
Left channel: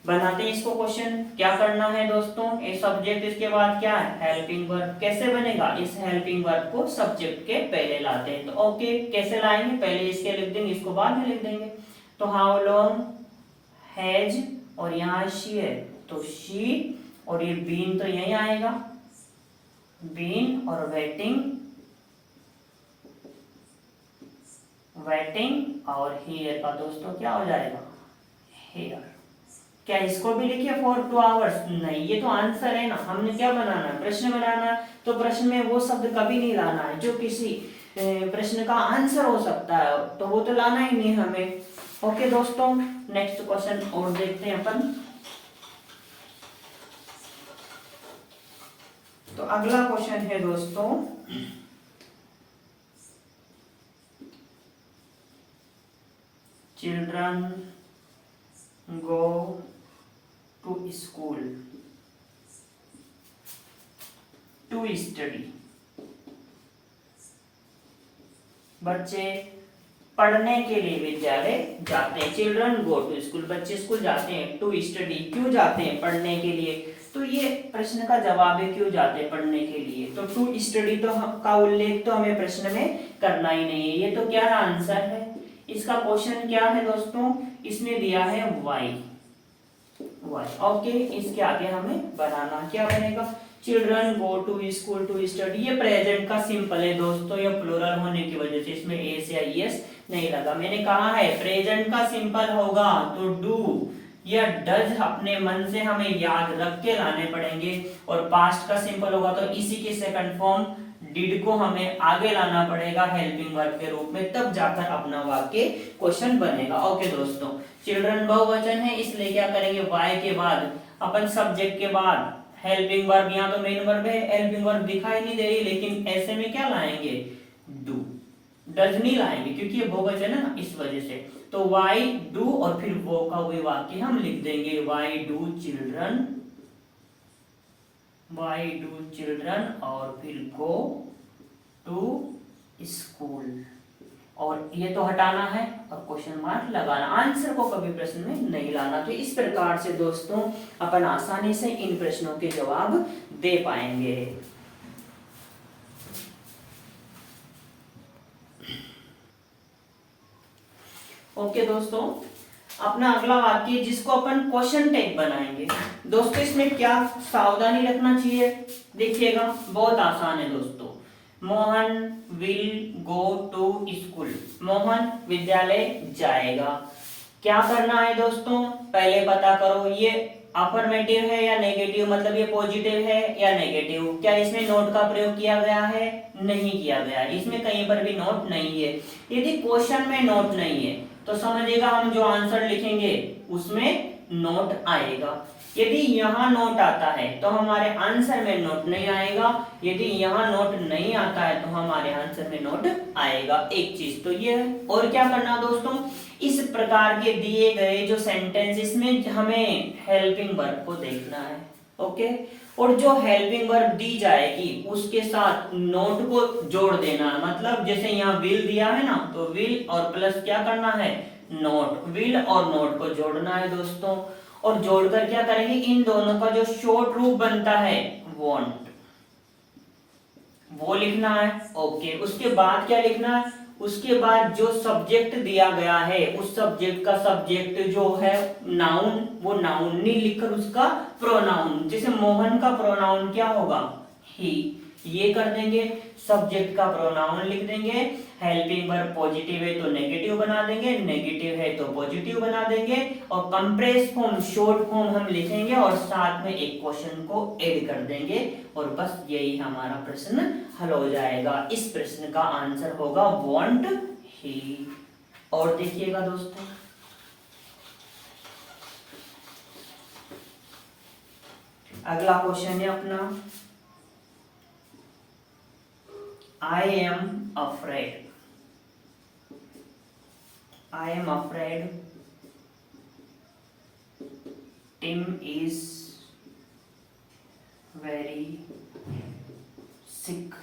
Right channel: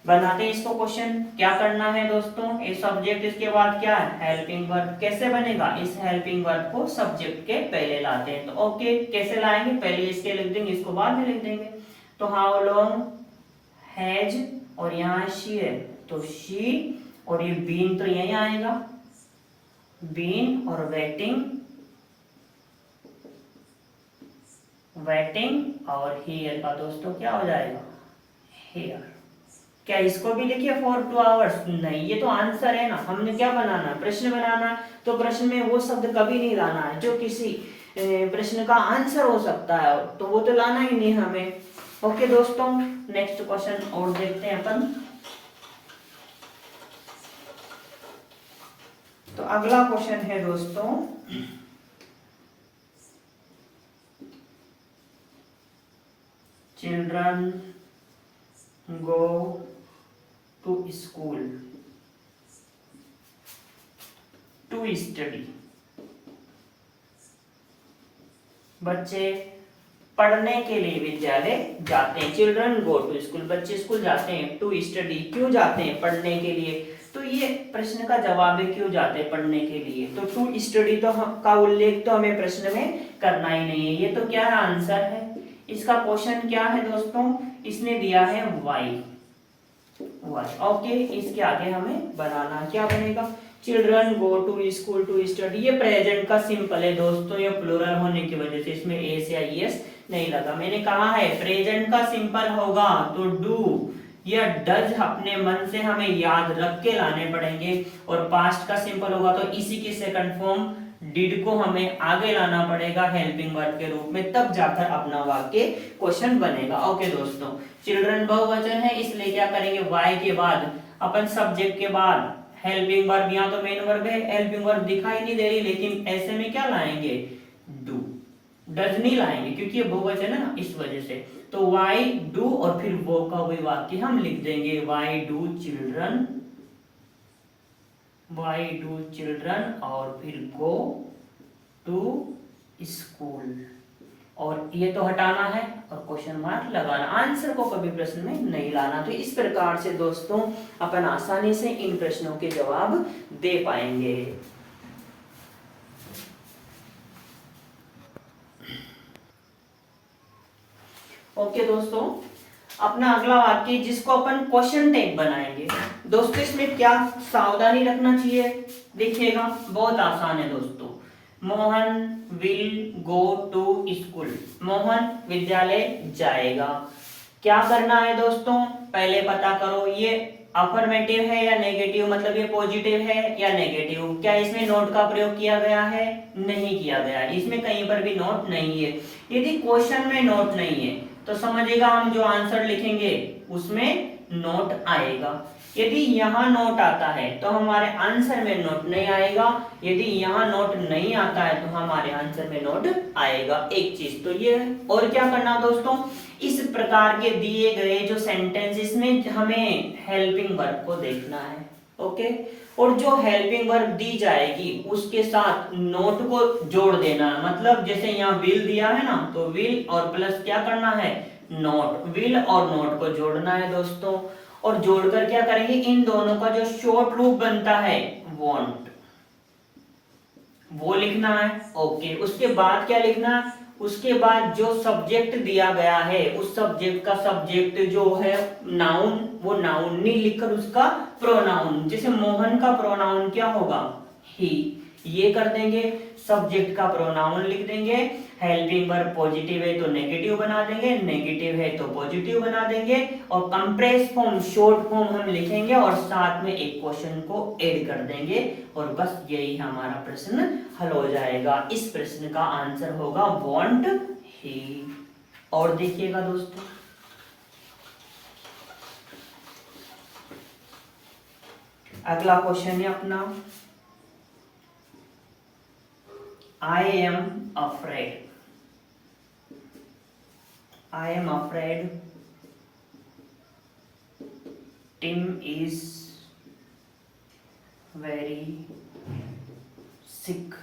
बनाते हैं इसको क्वेश्चन। क्या करना है दोस्तों, ये सब्जेक्ट, इसके बाद क्या है हेल्पिंग वर्ब। कैसे बनेगा, इस हेल्पिंग वर्ब को सब्जेक्ट के पहले लाते हैं। तो ओके कैसे लाएंगे, पहले इसके लिख देंगे, इसको बाद में लिख देंगे। तो हाउ लॉन्ग हैज, और यहाँ शी है तो शी, और ये बीन तो यही आएगा, बीन, और वेटिंग, वेटिंग, और हियर का दोस्तों क्या हो जाएगा, हियर। क्या इसको भी लिखिए फॉर 2 आवर्स, नहीं, ये तो आंसर है ना, हमने क्या बनाना है, प्रश्न बनाना है। तो प्रश्न में वो शब्द कभी नहीं लाना है जो किसी प्रश्न का आंसर हो सकता है, तो वो तो लाना ही नहीं हमें। ओके दोस्तों, नेक्स्ट क्वेश्चन और देखते हैं अपन। तो अगला क्वेश्चन है दोस्तों, children go to school to study. बच्चे पढ़ने के लिए विद्यालय जाते हैं। चिल्ड्रन गो टू स्कूल, बच्चे स्कूल जाते हैं। टू स्टडी, क्यों जाते हैं, पढ़ने के लिए। तो ये प्रश्न का जवाब है, क्यों जाते हैं, पढ़ने के लिए। तो टू स्टडी तो का उल्लेख तो हमें प्रश्न में करना ही नहीं है, ये तो क्या है, आंसर है। इसका क्वेश्चन क्या है दोस्तों, इसने दिया है वाई, वाई। ओके, इसके आगे हमें बनाना क्या बनेगा, children go to school to study. ये प्रेजेंट का सिंपल है दोस्तों, ये प्लूरल होने की वजह से इसमें एस या ईएस नहीं लगा। मैंने कहा है प्रेजेंट का सिंपल होगा तो डू या डज अपने मन से हमें याद रख के लाने पड़ेंगे, और पास्ट का सिंपल होगा तो इसी के सेकंड फॉर्म डिड को हमें आगे लाना पड़ेगा हेल्पिंग वर्ब के रूप में, तब जाकर अपना वाक्य क्वेश्चन बनेगा। ओके दोस्तों, चिल्ड्रन बहुवचन है इसलिए क्या करेंगे, वाई के बाद अपन सब्जेक्ट के बाद हेल्पिंग वर्ब, यहाँ तो मेन वर्ब है, हेल्पिंग वर्ब दिखाई नहीं दे रही, लेकिन ऐसे में क्या लाएंगे, डू, डज नहीं लाएंगे क्योंकि ये बहुवचन है ना, इस वजह से। तो वाई डू और फिर वो का वही वाक्य हम लिख देंगे, why do children, why do children, और फिर गो टू स्कूल। और ये तो हटाना है और क्वेश्चन मार्क लगाना, आंसर को कभी प्रश्न में नहीं लाना। तो इस प्रकार से दोस्तों अपन आसानी से इन प्रश्नों के जवाब दे पाएंगे। ओके दोस्तों, अपना अगला वाक्य जिसको अपन क्वेश्चन टैग बनाएंगे। दोस्तों इसमें क्या सावधानी रखना चाहिए, देखिएगा बहुत आसान है दोस्तों। Mohan will go to school, Mohan विद्यालय जाएगा। क्या करना है दोस्तों, पहले पता करो ये अफर्मेटिव है या नेगेटिव, मतलब ये पॉजिटिव है या नेगेटिव। क्या इसमें नोट का प्रयोग किया गया है, नहीं किया गया है, इसमें कहीं पर भी नोट नहीं है। यदि क्वेश्चन में नोट नहीं है तो समझिएगा हम जो आंसर लिखेंगे उसमें नोट आएगा। यदि यहाँ नोट आता है तो हमारे आंसर में नोट नहीं आएगा, यदि यहाँ नोट नहीं आता है तो हमारे आंसर में नोट आएगा। एक चीज तो ये है। और क्या करना दोस्तों, इस प्रकार के दिए गए जो सेंटेंस, इसमें हमें हेल्पिंग वर्ब को देखना है। ओके, और जो हेल्पिंग वर्ब दी जाएगी उसके साथ नोट को जोड़ देना, मतलब जैसे यहाँ विल दिया है ना, तो विल और प्लस क्या करना है, नोट। विल और नोट को जोड़ना है दोस्तों, और जोड़कर क्या करेंगे, इन दोनों का जो शॉर्ट रूप बनता है वॉन्ट, वो लिखना है। ओके, उसके बाद क्या लिखना है, उसके बाद जो सब्जेक्ट दिया गया है उस सब्जेक्ट का सब्जेक्ट जो है नाउन, वो नाउन नहीं लिखकर उसका प्रोनाउन, जैसे मोहन का प्रोनाउन क्या होगा, ही, ये कर देंगे। सब्जेक्ट का प्रोनाउन लिख देंगे। हेल्पिंग वर्ब पॉजिटिव है तो नेगेटिव बना देंगे, नेगेटिव है तो पॉजिटिव बना देंगे, और कंप्रेस फॉर्म शॉर्ट फॉर्म हम लिखेंगे और साथ में एक क्वेश्चन को ऐड कर देंगे, और बस यही हमारा प्रश्न हल हो जाएगा। इस प्रश्न का आंसर होगा वांट ही। और देखिएगा दोस्तों, अगला क्वेश्चन है अपना, I am afraid. I am afraid Tim is very sick.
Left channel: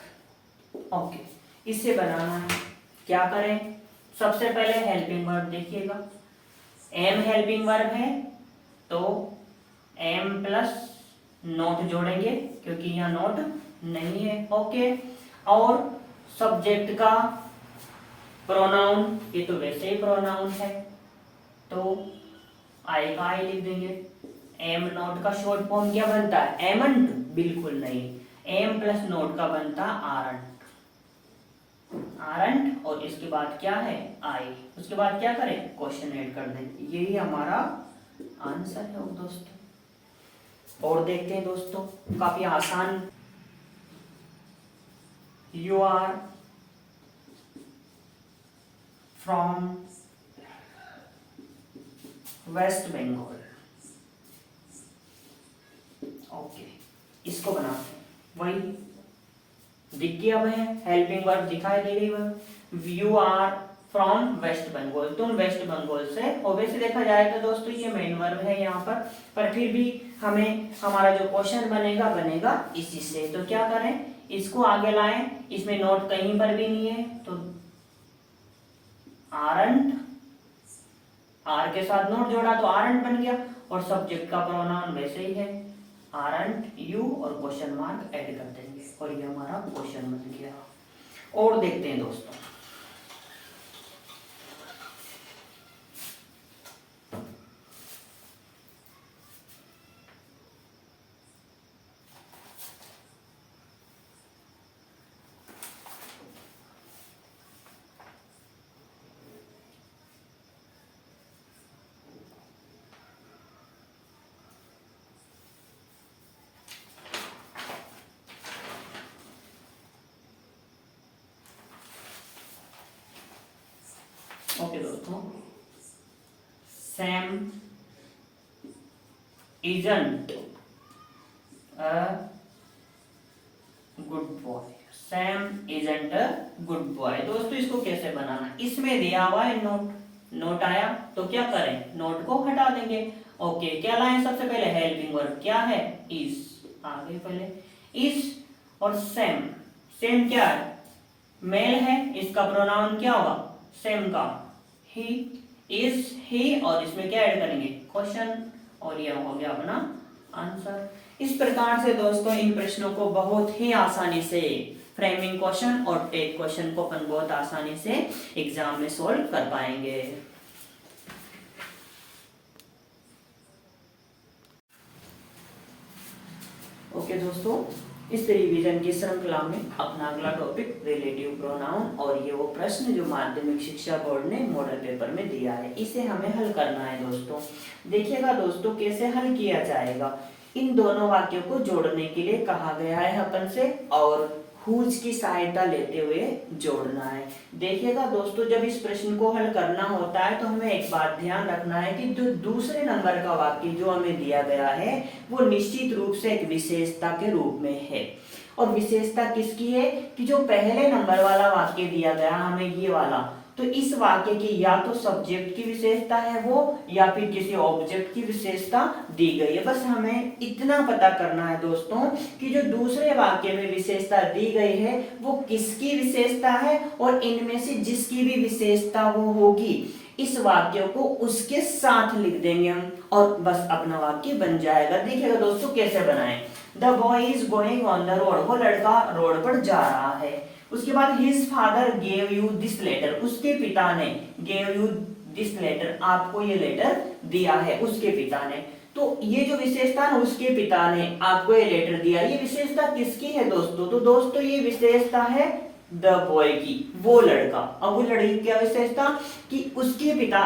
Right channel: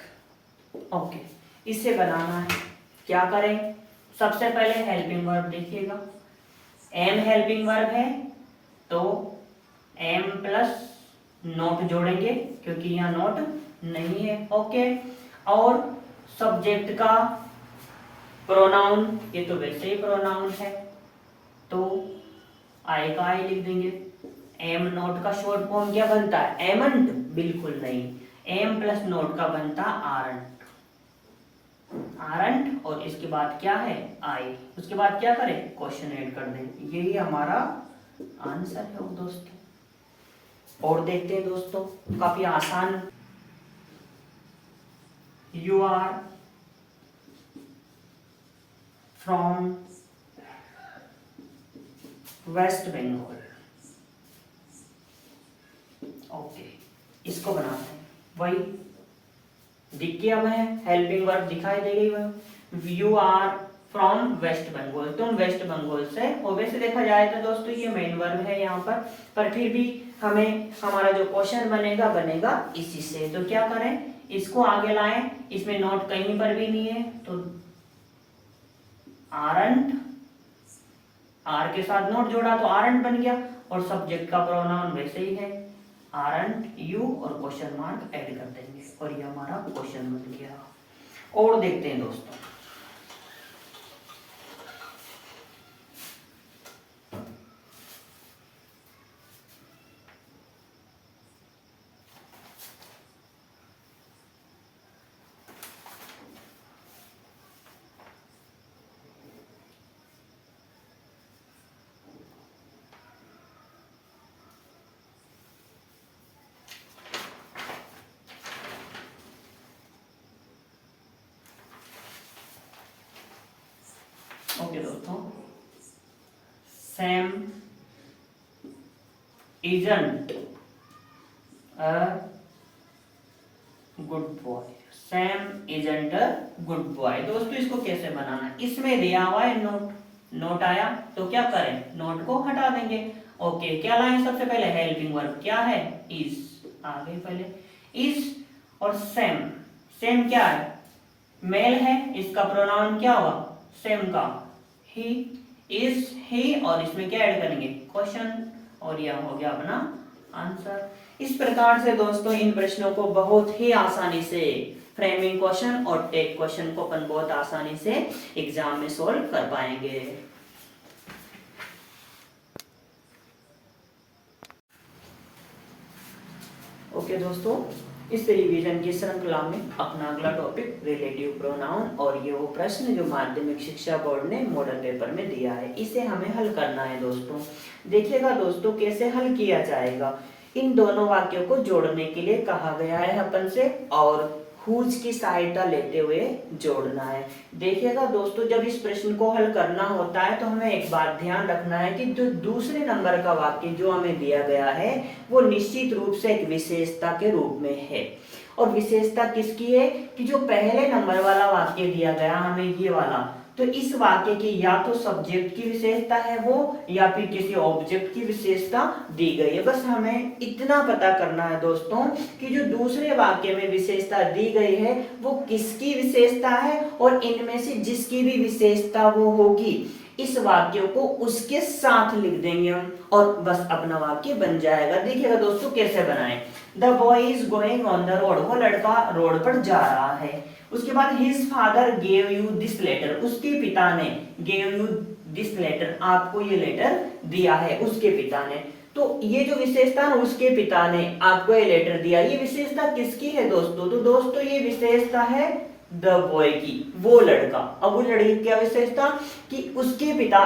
Okay, इससे बनाना है, क्या करें, सबसे पहले हेल्पिंग वर्ब देखिएगा। एम हेल्पिंग वर्ब है तो एम प्लस नोट जोड़ेंगे क्योंकि यहाँ नोट नहीं है। ओके, और सब्जेक्ट का प्रोनाउन, ये तो वैसे ही प्रोनाउन है तो आई का आई लिख देंगे। एम नोट का शॉर्ट फॉर्म क्या बनता है, एमंट, बिल्कुल नहीं, एम प्लस नोट का बनता आरंट, आरंट, और इसके बाद क्या है, आई, उसके बाद क्या करें, क्वेश्चन ऐड कर दें। यही हमारा आंसर है दोस्तों। और देखते हैं दोस्तों, काफी आसान। You are from West Bengal. Okay, इसको बनाते हैं, वही दिख गया है, हेल्पिंग वर्ब दिखाई दे गई वह। You are from West Bengal, तुम वेस्ट बंगाल से। और वैसे देखा जाए तो दोस्तों ये मेन वर्ब है यहाँ पर फिर भी हमें हमारा जो क्वेश्चन बनेगा इसी से। तो क्या करें, इसको आगे लाएं, इसमें नोट कहीं पर भी नहीं है तो आरंट, आर के साथ नोट जोड़ा तो आरंट बन गया, और सब्जेक्ट का प्रोनाउन वैसे ही है आरंट यू, और क्वेश्चन मार्क ऐड कर देंगे और ये हमारा क्वेश्चन बन गया। और देखते हैं दोस्तों, ओके दोस्तों, Sam isn't a good boy, Sam isn't a good boy. दोस्तों इसको कैसे बनाना है, इसमें दिया हुआ है नोट, नोट आया तो क्या करें, नोट को हटा देंगे। ओके, क्या लाएं, सबसे पहले हेल्पिंग वर्ब क्या है, इज, आगे पहले इज, और सेम, सेम क्या है, मेल है, इसका प्रोनाउन क्या होगा, सेम काम, ही इज ही, और इसमें क्या ऐड करेंगे, क्वेश्चन, और यह हो गया अपना आंसर। इस प्रकार से दोस्तों इन प्रश्नों को बहुत ही आसानी से फ्रेमिंग क्वेश्चन और टेक क्वेश्चन को अपन बहुत आसानी से एग्जाम में सोल्व कर पाएंगे। ओके दोस्तों, इस रिवीजन की श्रृंखला में अपना अगला टॉपिक रिलेटिव प्रोनाउन, और ये वो प्रश्न जो माध्यमिक शिक्षा बोर्ड ने मॉडल पेपर में दिया है, इसे हमें हल करना है दोस्तों। देखिएगा दोस्तों कैसे हल किया जाएगा। इन दोनों वाक्यों को जोड़ने के लिए कहा गया है अपन से, और हुज की सहायता लेते हुए जोड़ना है। देखिएगा दोस्तों, जब इस प्रश्न को हल करना होता है तो हमें एक बात ध्यान रखना है कि जो दूसरे नंबर का वाक्य जो हमें दिया गया है वो निश्चित रूप से एक विशेषता के रूप में है। और विशेषता किसकी है कि जो पहले नंबर वाला वाक्य दिया गया हमें, ये वाला, तो इस वाक्य की या तो सब्जेक्ट की विशेषता है वो, या फिर किसी ऑब्जेक्ट की विशेषता दी गई है। बस हमें इतना पता करना है दोस्तों कि जो दूसरे वाक्य में विशेषता दी गई है वो किसकी विशेषता है, और इनमें से जिसकी भी विशेषता वो होगी इस वाक्य को उसके साथ लिख देंगे हम, और बस अपना वाक्य बन जाएगा। देखिएगा दोस्तों कैसे बनाएं। The boy is going on the road, वो लड़का रोड पर जा रहा है। उसके बाद his father gave you this letter, उसके पिता ने, गेव यू दिस लेटर, आपको ये लेटर दिया है उसके पिता ने। तो ये जो विशेषता है उसके पिता ने आपको ये लेटर दिया, ये विशेषता किसकी है दोस्तों, तो दोस्तों ये विशेषता है द बॉय की, वो लड़का। अब वो लड़की की क्या विशेषता कि उसके पिता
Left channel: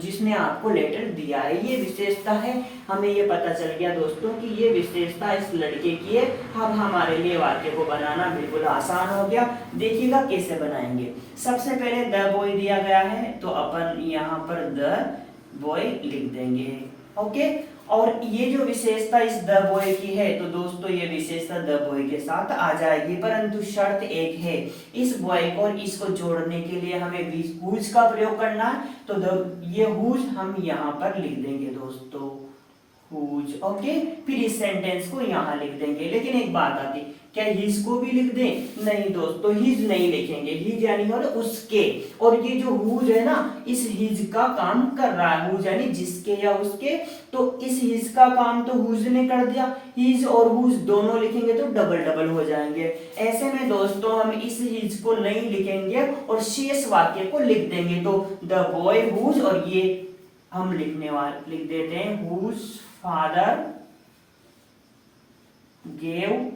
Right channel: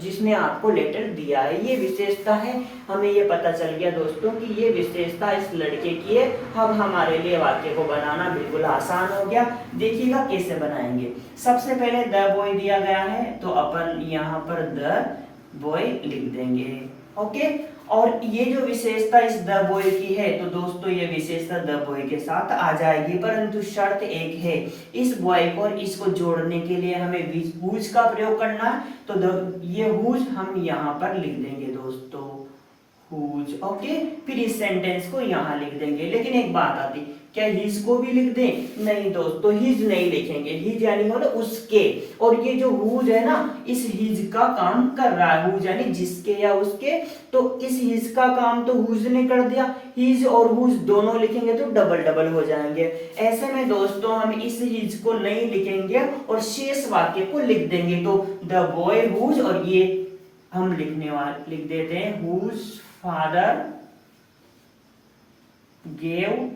जिसने आपको लेटर दिया है, ये विशेषता है। हमें ये पता चल गया दोस्तों कि ये विशेषता इस लड़के की है। अब हमारे लिए वाक्य को बनाना बिल्कुल आसान हो गया। देखिएगा कैसे बनाएंगे। सबसे पहले द बॉय दिया गया है तो अपन यहाँ पर द बॉय लिख देंगे। ओके, और ये जो विशेषता इस द बॉय की है तो दोस्तों ये विशेषता द बॉय के साथ आ जाएगी, परंतु शर्त एक है, इस बॉय को और इसको जोड़ने के लिए हमें हुज का प्रयोग करना है। तो ये हुज हम यहाँ पर लिख देंगे दोस्तों, हुज। ओके, फिर इस सेंटेंस को यहाँ लिख देंगे। लेकिन एक बात आती, क्या हिज को भी लिख दें? नहीं दोस्तों, हिज नहीं लिखेंगे, हिज यानी मतलब उसके, और ये जो हुज है ना इस हिज का काम कर रहा है, हुज यानी जिसके या उसके, तो इस हिज का काम तो हुज ने कर दिया। हिज और हुज दोनों लिखेंगे तो डबल डबल हो जाएंगे। ऐसे में दोस्तों हम इस हिज को नहीं लिखेंगे और शेष वाक्य को लिख देंगे। तो द बॉय हुज, और ये हम लिख देते हैं whose father gave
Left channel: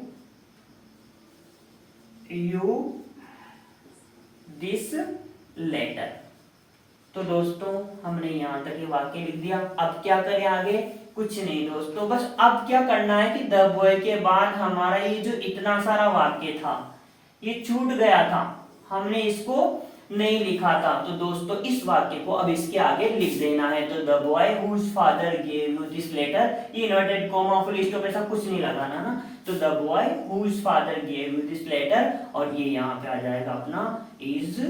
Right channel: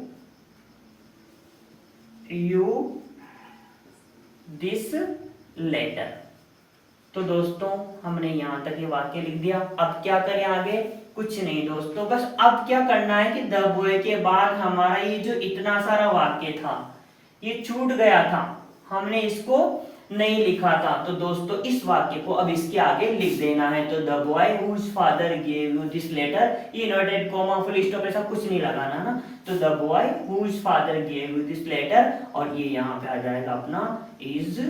you this letter. तो दोस्तों हमने यहां तक ये वाक्य लिख दिया। अब क्या करें आगे? कुछ नहीं दोस्तों, बस अब क्या करना है कि द बॉय के बाद हमारा ये जो इतना सारा वाक्य था ये छूट गया था, हमने इसको नहीं लिखा था। तो दोस्तों इस वाक्य को अब इसके आगे लिख देना है। तो the boy whose father gave you this letter, ये इन्वर्टेड कॉमा फुल स्टॉप ऐसा कुछ नहीं लगाना ना। तो the boy whose father gave you this letter, और ये यहाँ पे आ जाएगा अपना is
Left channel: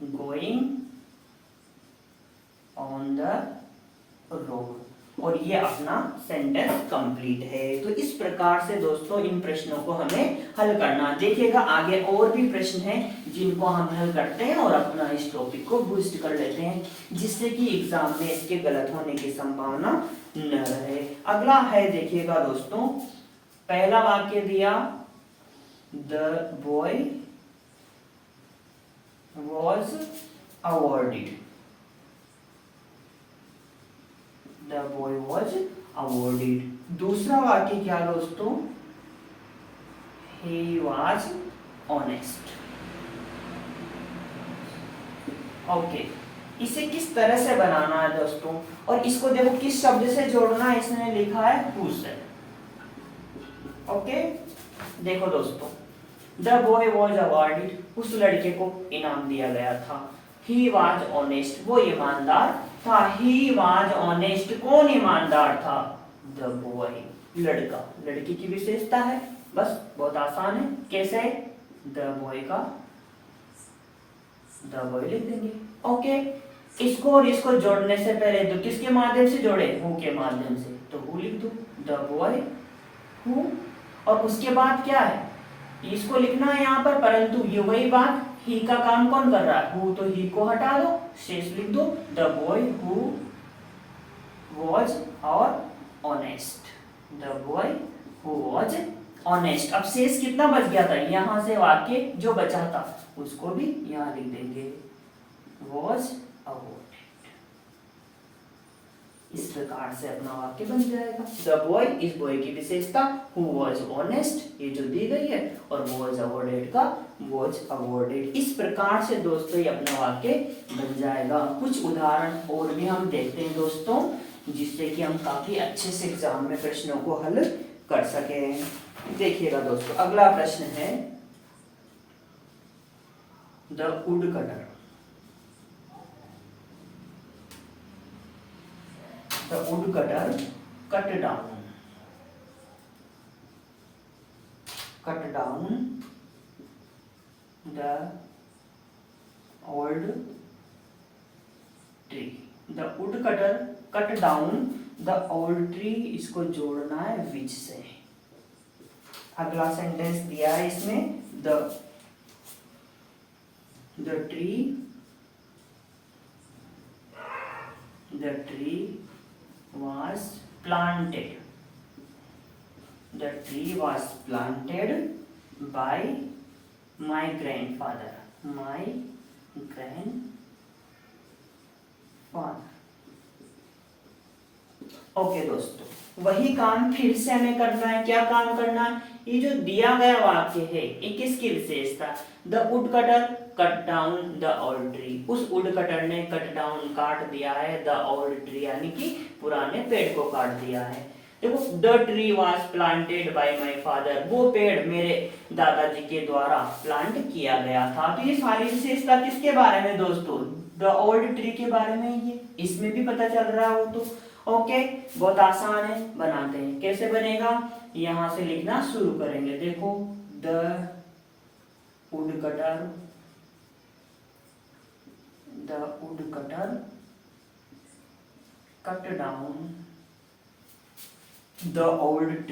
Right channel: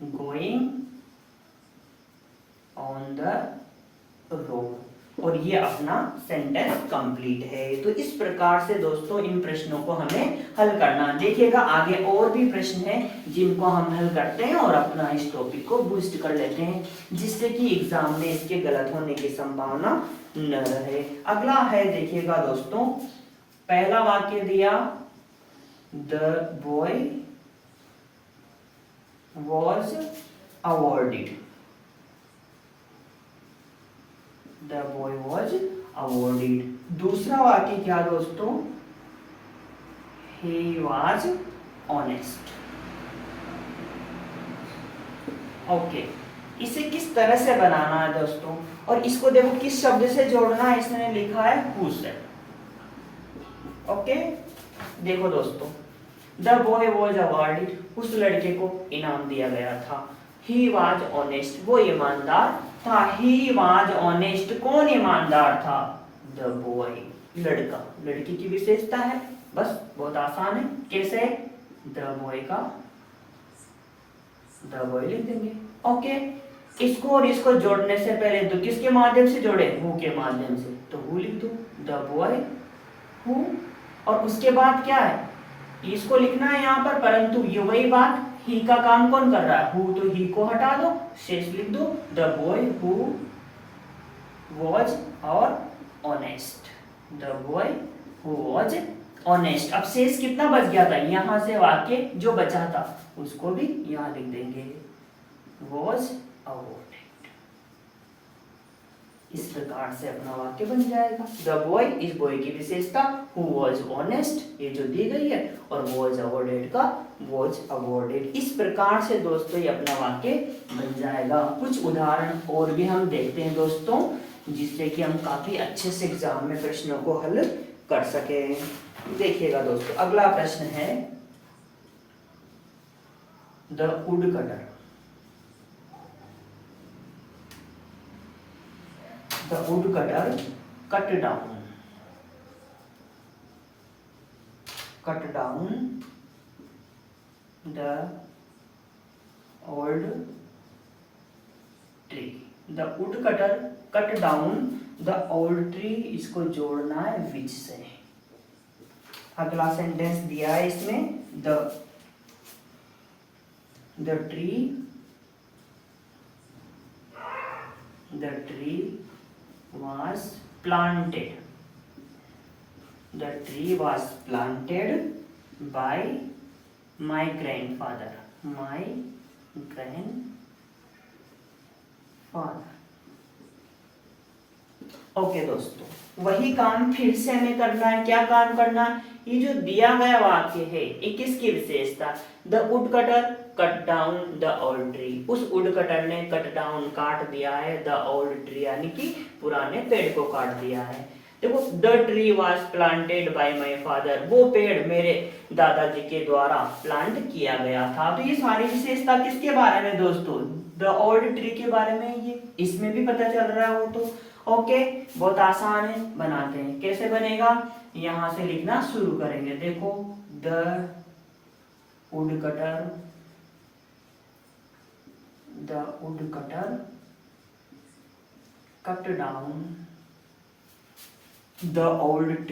going on the road, और ये अपना सेंटेंस कंप्लीट है। तो इस प्रकार से दोस्तों इन प्रश्नों को हमें हल करना। देखिएगा आगे और भी प्रश्न हैं जिनको हम हल करते हैं और अपना इस टॉपिक को बूस्ट कर लेते हैं, जिससे कि एग्जाम में इसके गलत होने की संभावना न रहे। अगला है देखिएगा दोस्तों, पहला वाक्य दिया the boy was awarded, The boy was awarded। दूसरा वाक्य क्या दोस्तों? He was honest। ओके, इसे किस तरह से बनाना है दोस्तों, और इसको देखो किस शब्द से जोड़ना है, इसने लिखा है who से। ओके, देखो दोस्तों, The boy was awarded, उस लड़के को इनाम दिया गया था। He was honest, वो ईमानदार था। He was honest, कौन ईमानदार था? The boy, लड़का। लड़की की विशेषता है, बस बहुत आसान है। कैसे? The boy का The boy लिख देंगे। ओके, इसको और इसको जोड़ने से पहले तो किसके माध्यम से जोड़े? Who के माध्यम से, तो who लिख दो। The boy who, और उसके बाद क्या है? इसको लिखना है यहाँ पर, परंतु ये वही बात, ही का काम कौन कर रहा है, हु, तो ही को हटा दो, शेष लिख दो, द बॉय हु वॉज और honest, the boy who was honest. अब शेष कितना बच गया था, यहाँ से वाक्य जो बचा था उसको भी यहाँ लिख देंगे, वॉज अवॉर्डेड। इस प्रकार से अपना वाक्य बन जाएगा। द बॉय, इस बॉय की विशेषता हु वॉज ऑनेस्ट, ये जो दी गई है, और वॉज अवॉर्डेड का वॉज अवॉर्डेड। इस प्रकार से दोस्तों ये अपना वाक्य बन जाएगा। कुछ उदाहरण और भी हम देखते हैं दोस्तों, जिससे कि हम काफी अच्छे से एग्जाम में प्रश्नों को हल कर सके। देखिएगा दोस्तों, अगला प्रश्न है the wood cutter. The woodcutter cut down the old tree. The woodcutter cut down the old tree, इसको जोड़ना है which से। अगला सेंटेंस दिया है इसमें, the tree was planted. The tree was planted by my grandfather. My grandfather. Okay दोस्तों, वही काम फिर से हमें करना है। क्या काम करना है, ये जो दिया गया वाक्य है ये किसकी विशेषता, the wood cutter cut down the old tree. उस वुड कटर ने कट डाउन काट दिया है द ओल्ड ट्री, यानी कि पुराने पेड़ को काट दिया है। देखो, the tree was planted by my father, वो पेड़ मेरे दादाजी के द्वारा प्लांट किया गया था। तो ये सारी विशेषता किसके बारे में दोस्तों, द ओल्ड ट्री के बारे में। ये इसमें भी पता चल रहा है वो तो। ओके, बहुत आसान है, बनाते हैं। कैसे बनेगा, यहां से लिखना शुरू करेंगे। देखो, the wood cutter cut down the old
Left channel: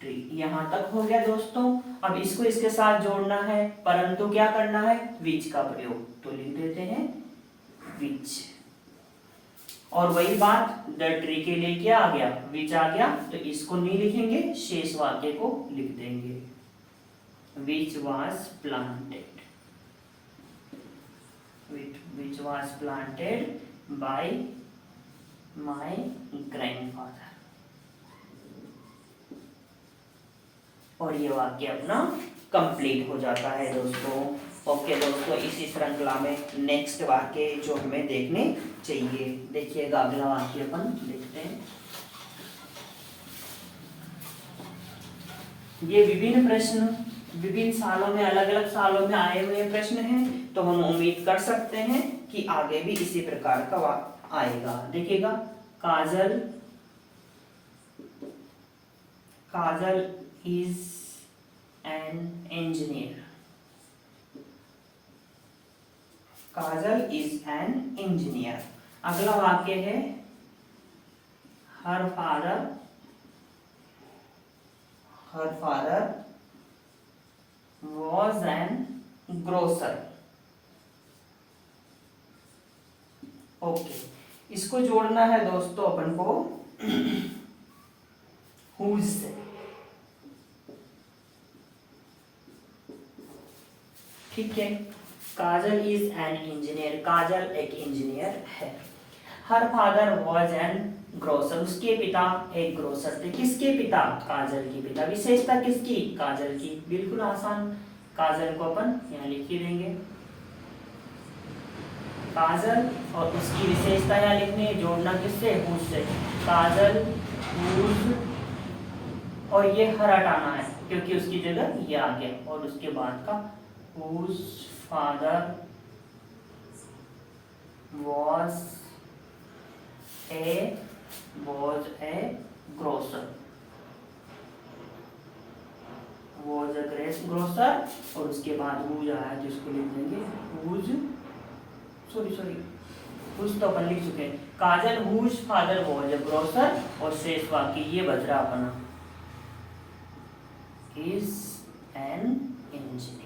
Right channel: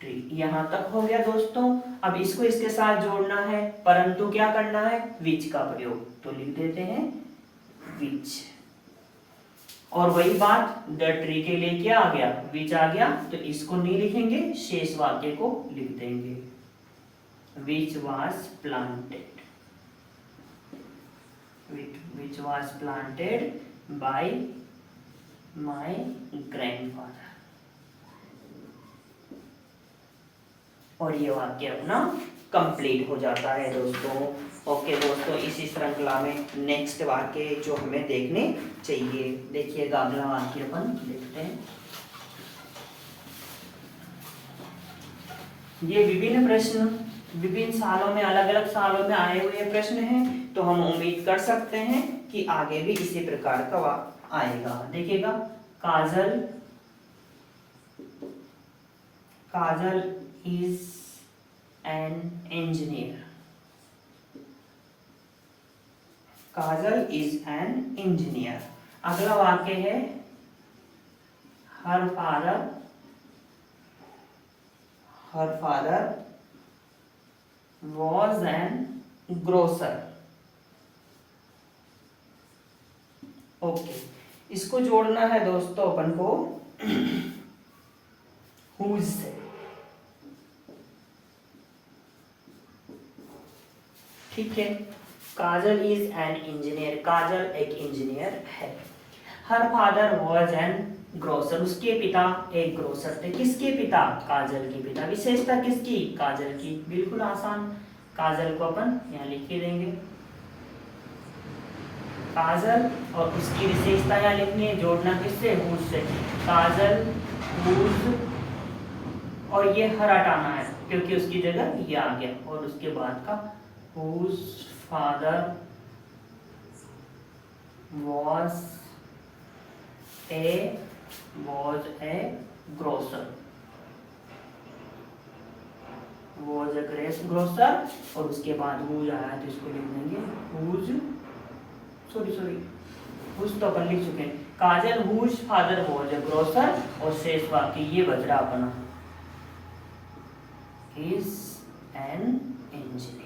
tree. यहां तक हो गया दोस्तों। अब इसको इसके साथ जोड़ना है, परंतु क्या करना है, विच का प्रयोग, तो लिख देते हैं विच। और वही बात द ट्री के लिए क्या आ गया, विच आ गया, तो इसको नहीं लिखेंगे, शेष वाक्य को लिख देंगे, which was planted by my grandfather. और ये वाक्य अपना कंप्लीट हो जाता है दोस्तों। ओके दोस्तों, इसी श्रृंखला में नेक्स्ट वाक्य जो हमें देखने चाहिए, देखिएगा अगला वाक्य अपन देखते हैं। ये विभिन्न प्रश्न विभिन्न सालों में, अलग अलग सालों में आए हुए प्रश्न हैं, तो हम उम्मीद कर सकते हैं कि आगे भी इसी प्रकार का आएगा। देखिएगा, Kajal is an engineer. Kajal is an engineer. अगला वाक्य है, her father was an grocer. Okay, इसको जोड़ना है दोस्तों अपन को हुज से। ठीक है, काजल इज एन इंजीनियर, काजल एक इंजीनियर है। Her father was an grocer, उसके पिता एक ग्रोसर थे। किसके पिता, काजल के पिता। विशेषता किसकी, काजल की। बिल्कुल आसान, काजल को अपन यहाँ लिख के देंगे, काजल, और उसकी विशेषता यहाँ लिखनी, जोड़ना किससे, हुज से। काजल हुज, और ये हर हटाना है क्योंकि उसकी जगह ये आ गया, और उसके बाद का whose father was a grocer, और उसके बाद हुज आया तो इसको लिख देंगे हुज, हुज तो अपन लिख चुके हैं। Kajal whose father was a grocer, और शेष बाकी ये बच रहा अपना इज एन इंजीनियर।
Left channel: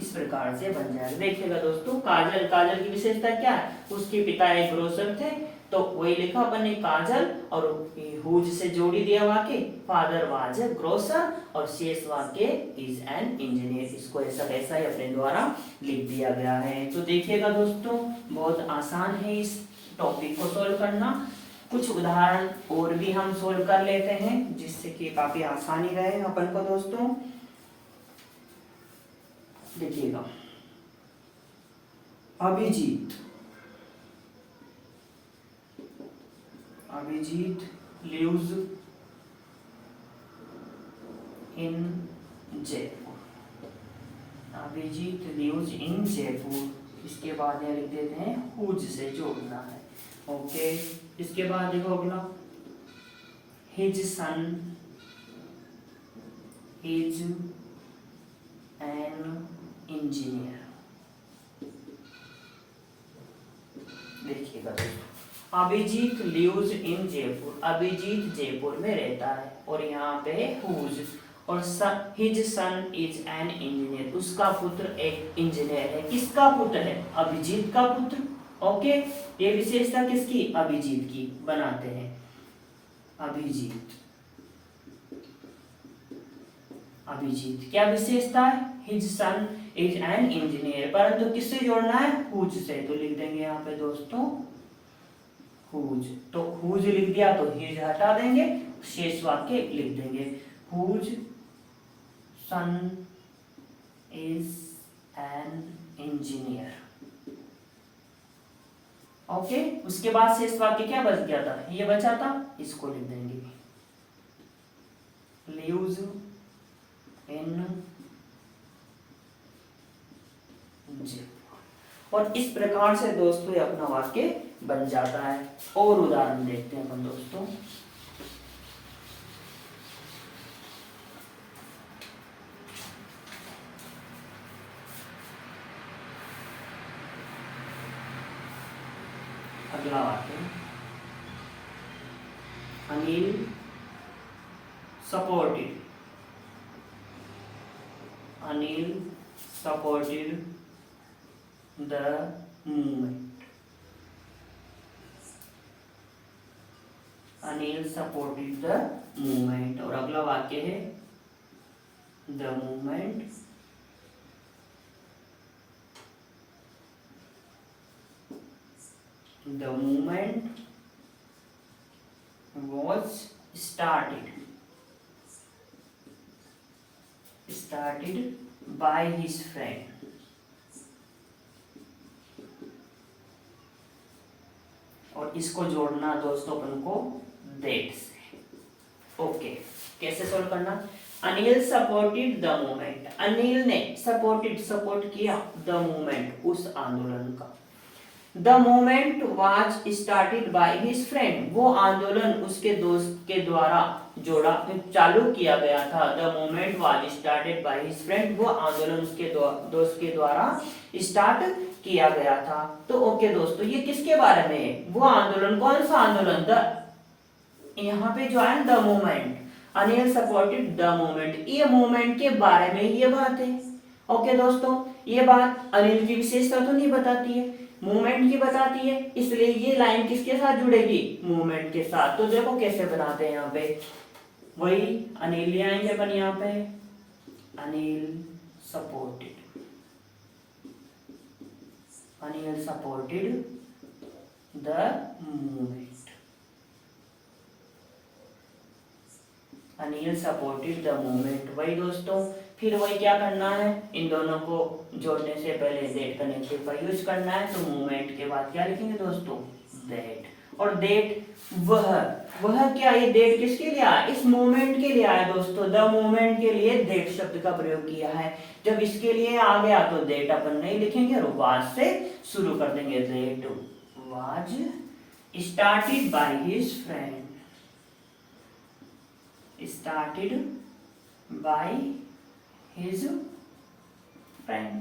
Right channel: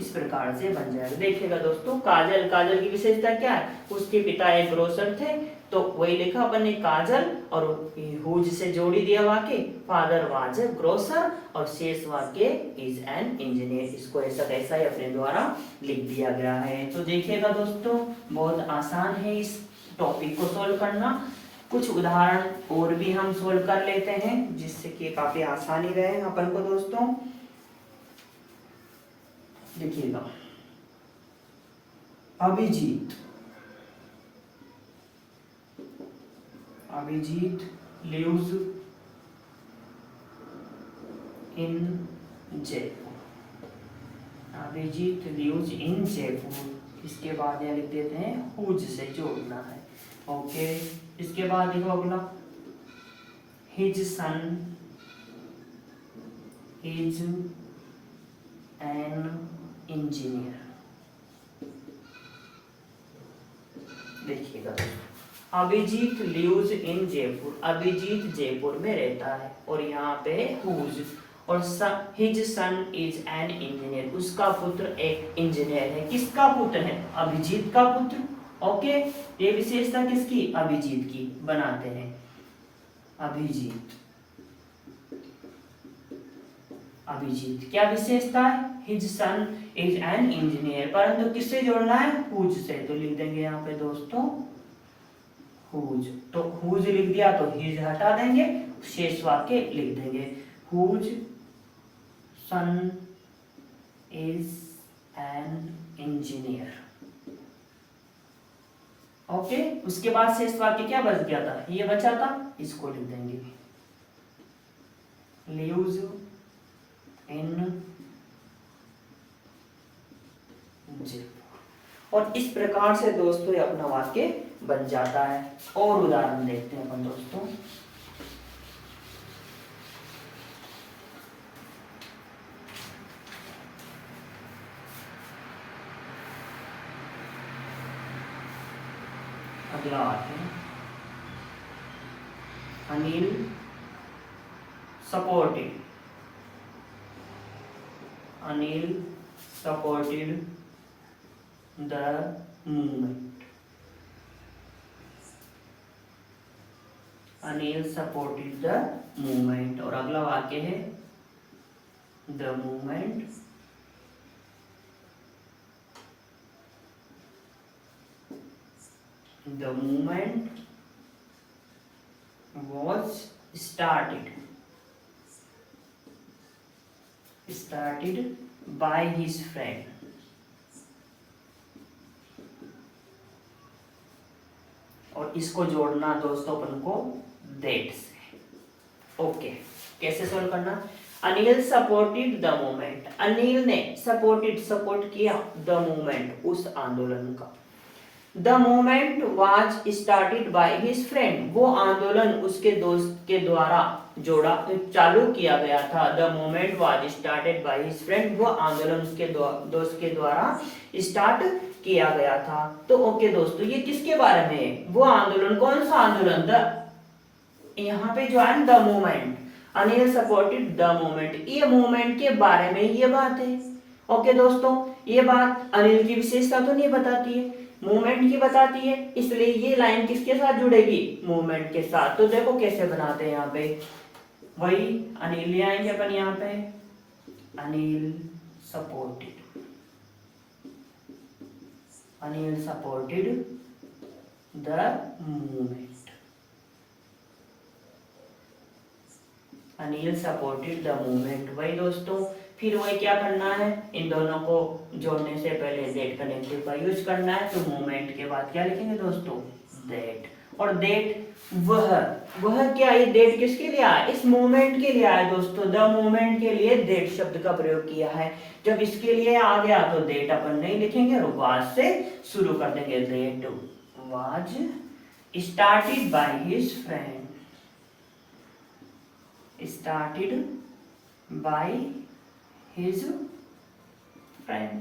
इस प्रकार से बन जाएगा। देखिएगा दोस्तों, काजल, काजल की विशेषता क्या है, उसके पिता एक ग्रोसर थे, तो वही लिखा अपन ने काजल, और हुज से जोड़ी दिया वाक्य, फादर वाज ग्रोसर, और शेष वाक्य इज एन इंजीनियर। इसको ऐसा कैसा ही अपने द्वारा लिख दिया गया है। तो देखिएगा दोस्तों, बहुत आसान है इस टॉपिक को सोल्व करना। कुछ उदाहरण और भी हम सोल्व कर लेते हैं, जिससे कि काफी आसानी रहे अपन को दोस्तों। देखिएगा, Abhijeet, Abhijeet lives in Jaipur. Abhijeet lives in Jaipur. इसके बाद यह लिख देते हैं, हुज से जोड़ना है। ओके, इसके बाद देखो अगला, his son is an engineer. देखिएगा, अभिजीत लिव्स इन जयपुर, अभिजीत जयपुर में रहता है, और यहाँ पे हुज, और his son is an engineer, उसका पुत्र एक इंजीनियर है। किसका पुत्र है, अभिजीत का पुत्र। ओके, ये विशेषता किसकी, अभिजीत की बनाते हैं। अभिजीत, अभिजीत क्या विशेषता है, his son is an engineer, परंतु किससे जोड़ना है, हुज से, तो लिख देंगे यहाँ पे दोस्तों हुज। तो हुज लिख दिया तो हिज हटा देंगे, शेष वाक्य लिख देंगे, whose son is an engineer. Okay, उसके बाद शेष वाक्य क्या बच गया था, ये बचा था, इसको लिख देंगे, लिव्स इन जयपुर। और इस प्रकार से दोस्तों ये अपना वाक्य बन जाता है। और उदाहरण देखते हैं अपन दोस्तों। अगला वाक्य, Anil supported, Anil supported the movement, Anil supported the movement. और अगला वाक्य है, the movement was started by his friend। और इसको जोड़ना दोस्तों अपन को that से। ओके, कैसे सॉल्व करना, Anil supported the movement, Anil ने सपोर्ट किया द मूवमेंट, उस आंदोलन का। The movement was started by his friend, वो आंदोलन उसके दोस्त के द्वारा चालू किया गया था। The movement was started by his friend, वो आंदोलन उसके दोस्त के द्वारा स्टार्ट किया गया था। तो ओके दोस्तों, ये किसके बारे में है, वो आंदोलन, कौन सा आंदोलन, यहाँ पे जो है the movement, Anil supported the movement, ये मूवमेंट के बारे में ये बात है। ओके दोस्तों, ये बात अनिल की विशेषता तो नहीं बताती है, मूवमेंट की बताती है, इसलिए ये लाइन किसके साथ जुड़ेगी, मूवमेंट के साथ। तो देखो कैसे बनाते हैं, यहाँ पे वही अनिल ले आएंगे अपन, यहाँ पे Anil supported, Anil supported the movement, Anil supported the movement. वही दोस्तों, फिर वही क्या करना है, इन दोनों को जोड़ने से पहले दैट कनेक्टिव का यूज करना है। तो मूवमेंट के बाद क्या लिखेंगे दोस्तों, दैट। और दैट वह क्या, ये दैट किसके लिए आया, इस मूवमेंट के लिए आया दोस्तों। द मूवमेंट के लिए दैट शब्द का प्रयोग किया है। जब इसके लिए आ गया तो दैट अपन नहीं लिखेंगे और वाज से शुरू कर देंगे। That was started by his friend, started by his friend।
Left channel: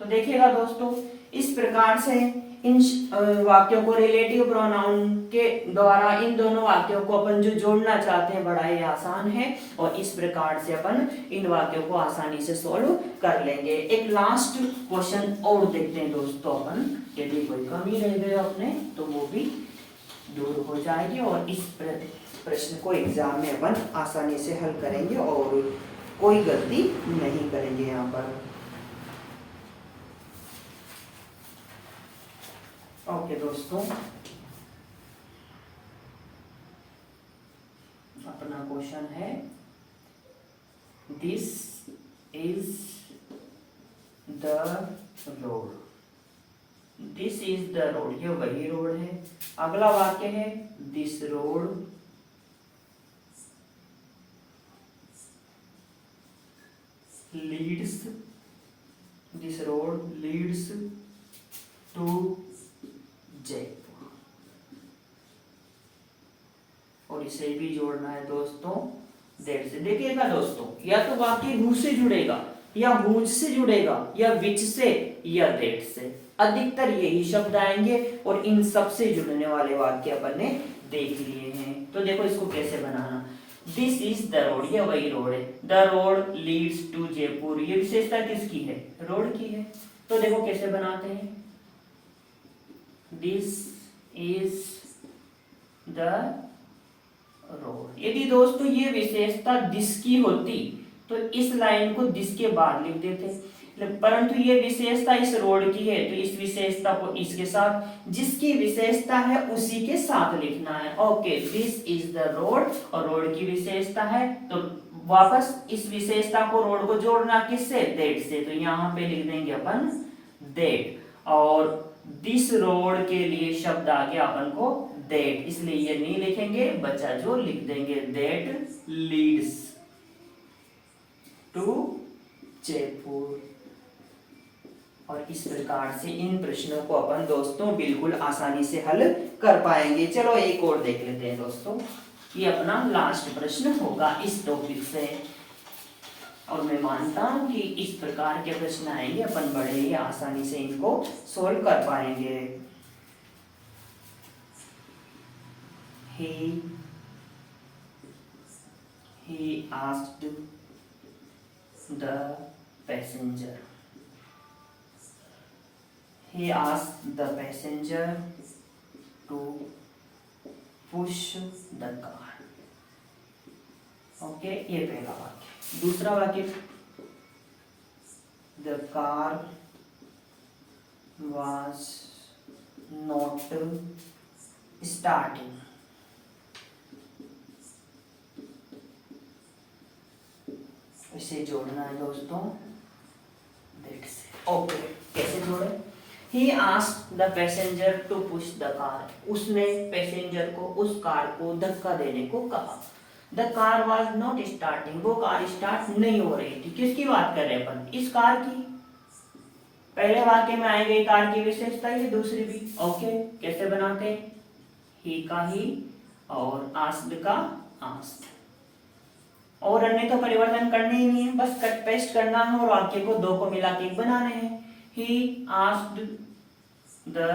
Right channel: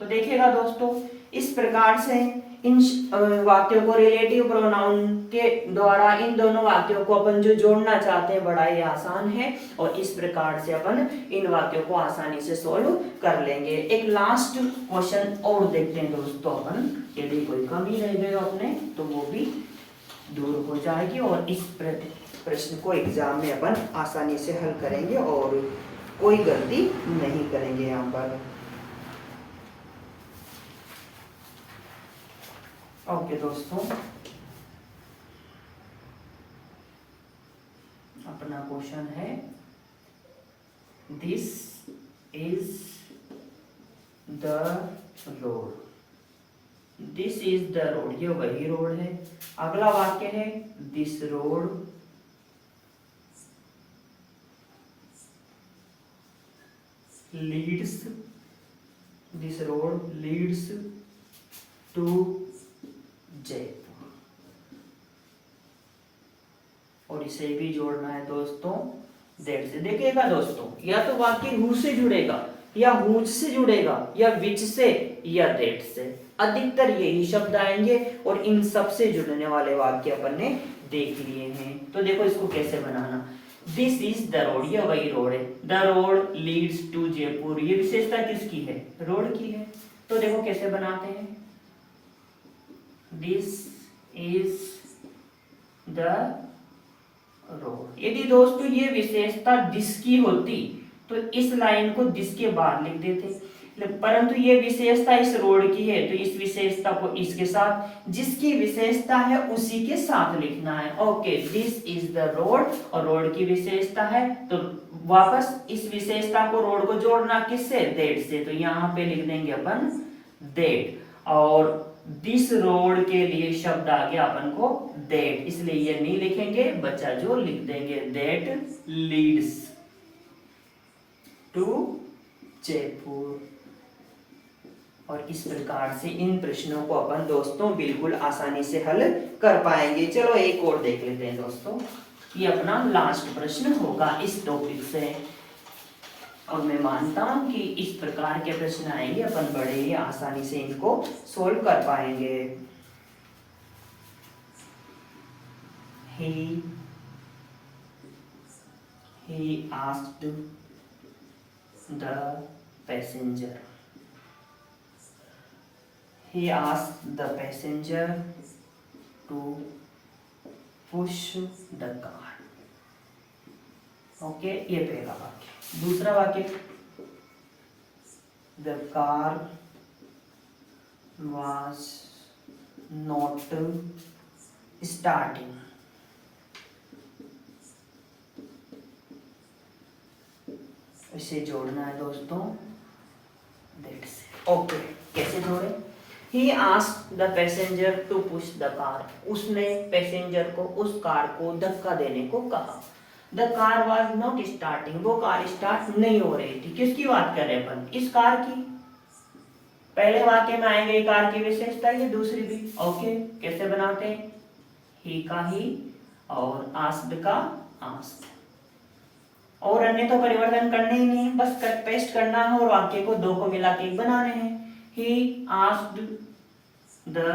तो देखिएगा दोस्तों, इस प्रकार से इन वाक्यों को रिलेटिव प्रोनाउन के द्वारा इन दोनों वाक्यों को अपन जो जोड़ना चाहते हैं बड़ा ही आसान है, और इस प्रकार से अपन इन वाक्यों को आसानी से सोल्व कर लेंगे। एक लास्ट क्वेश्चन और देखते हैं दोस्तों अपन, यदि कोई कमी रह गई अपने तो वो भी दूर हो जाएगी, और इस प्रश्न को एग्जाम में अपन आसानी से हल करेंगे और कोई गलती नहीं करेंगे यहाँ पर। ओके दोस्तों, अपना क्वेश्चन है, this is the road, this is the road, ये वही रोड है। अगला वाक्य है, this road leads, this road leads to Jaipur, और इसे भी जोड़ना है दोस्तों दैट से। देखिएगा दोस्तों, या तो वाक्य हु से जुड़ेगा, या हुज से जुड़ेगा, या विच से, या दैट से, अधिकतर यही शब्द आएंगे, और इन सब से जुड़ने वाले वाक्य अपन ने देख लिए हैं। तो देखो इसको कैसे बनाना, दिस इज द रोड, ये वही रोड है, the road leads to Jaipur, ये विशेषता किसकी है, रोड की है। तो देखो कैसे बनाते हैं, दिस इज द रोड। यदि दोस्तों ये विशेषता दिस की होती तो इस लाइन को दिस के बाद लिख देते, परंतु ये विशेषता इस रोड की है तो इस विशेषता को इसके साथ, जिसकी विशेषता है उसी के साथ लिखना है। Okay, this is the road, और रोड की विशेषता है तो वापस इस विशेषता को, रोड को जोड़ना किससे, दैट से, तो यहाँ पे लिख देंगे अपन दैट, और दिस रोड के लिए शब्द आ गया अपन को दैट, इसलिए ये नहीं लिखेंगे, बच्चा जो लिख देंगे दैट लीड्स टू जयपुर। और इस प्रकार से इन प्रश्नों को अपन दोस्तों बिल्कुल आसानी से हल कर पाएंगे। चलो एक और देख लेते हैं दोस्तों, ये अपना लास्ट प्रश्न होगा इस टॉपिक से, और मैं मानता हूं कि इस प्रकार के प्रश्न आएंगे अपन बड़े ही आसानी से इनको सोल्व कर पाएंगे। He asked the passenger. He asked the passenger to push the car. Okay, ये पहला वाक्य। दूसरा वाक्य, the car was not starting. इसे जोड़ना है दोस्तों दैट से। ओके, कैसे जोड़े, He asked the passenger to push the car. उसने पैसेंजर को, उस कार को धक्का देने को कहा। The car was not starting, वो कार स्टार्ट नहीं हो रही थी। किसकी बात कर रहे हैं अपन, इस कार की। पहले वाक्य में आएंगे कार की विशेषता, ये दूसरी भी। ओके, कैसे बनाते हैं, ही का ही और आस्क्ड का आस्क्ड, और अन्य तो परिवर्तन करने ही नहीं है, बस कट पेस्ट करना है और वाक्य को दो को मिला के बनाने हैं। He asked the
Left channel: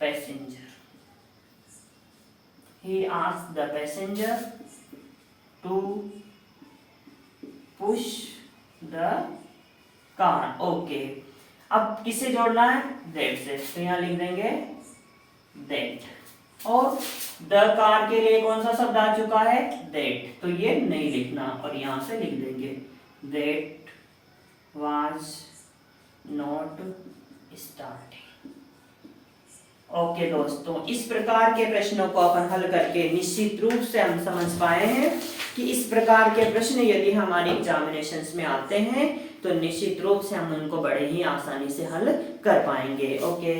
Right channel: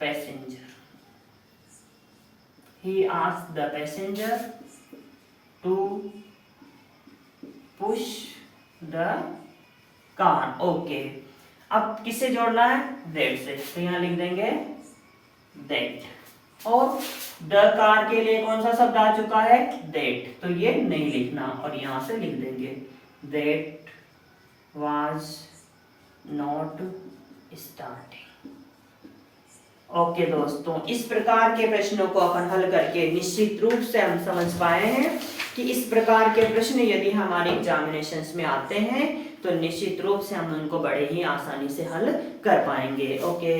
passenger. He asked the passenger to push the car. Okay. अब किससे जोड़ना है, that से, तो यहाँ लिख देंगे that, और the car के लिए कौन सा शब्द आ चुका है, that, तो ये नहीं लिखना, और यहाँ से लिख देंगे that was not starting। Okay दोस्तों, इस प्रकार के प्रश्नों को अपन हल करके निश्चित रूप से हम समझ पाए हैं कि इस प्रकार के प्रश्न यदि हमारे एग्जामिनेशंस में आते हैं तो निश्चित रूप से हम उनको बड़े ही आसानी से हल कर पाएंगे। ओके।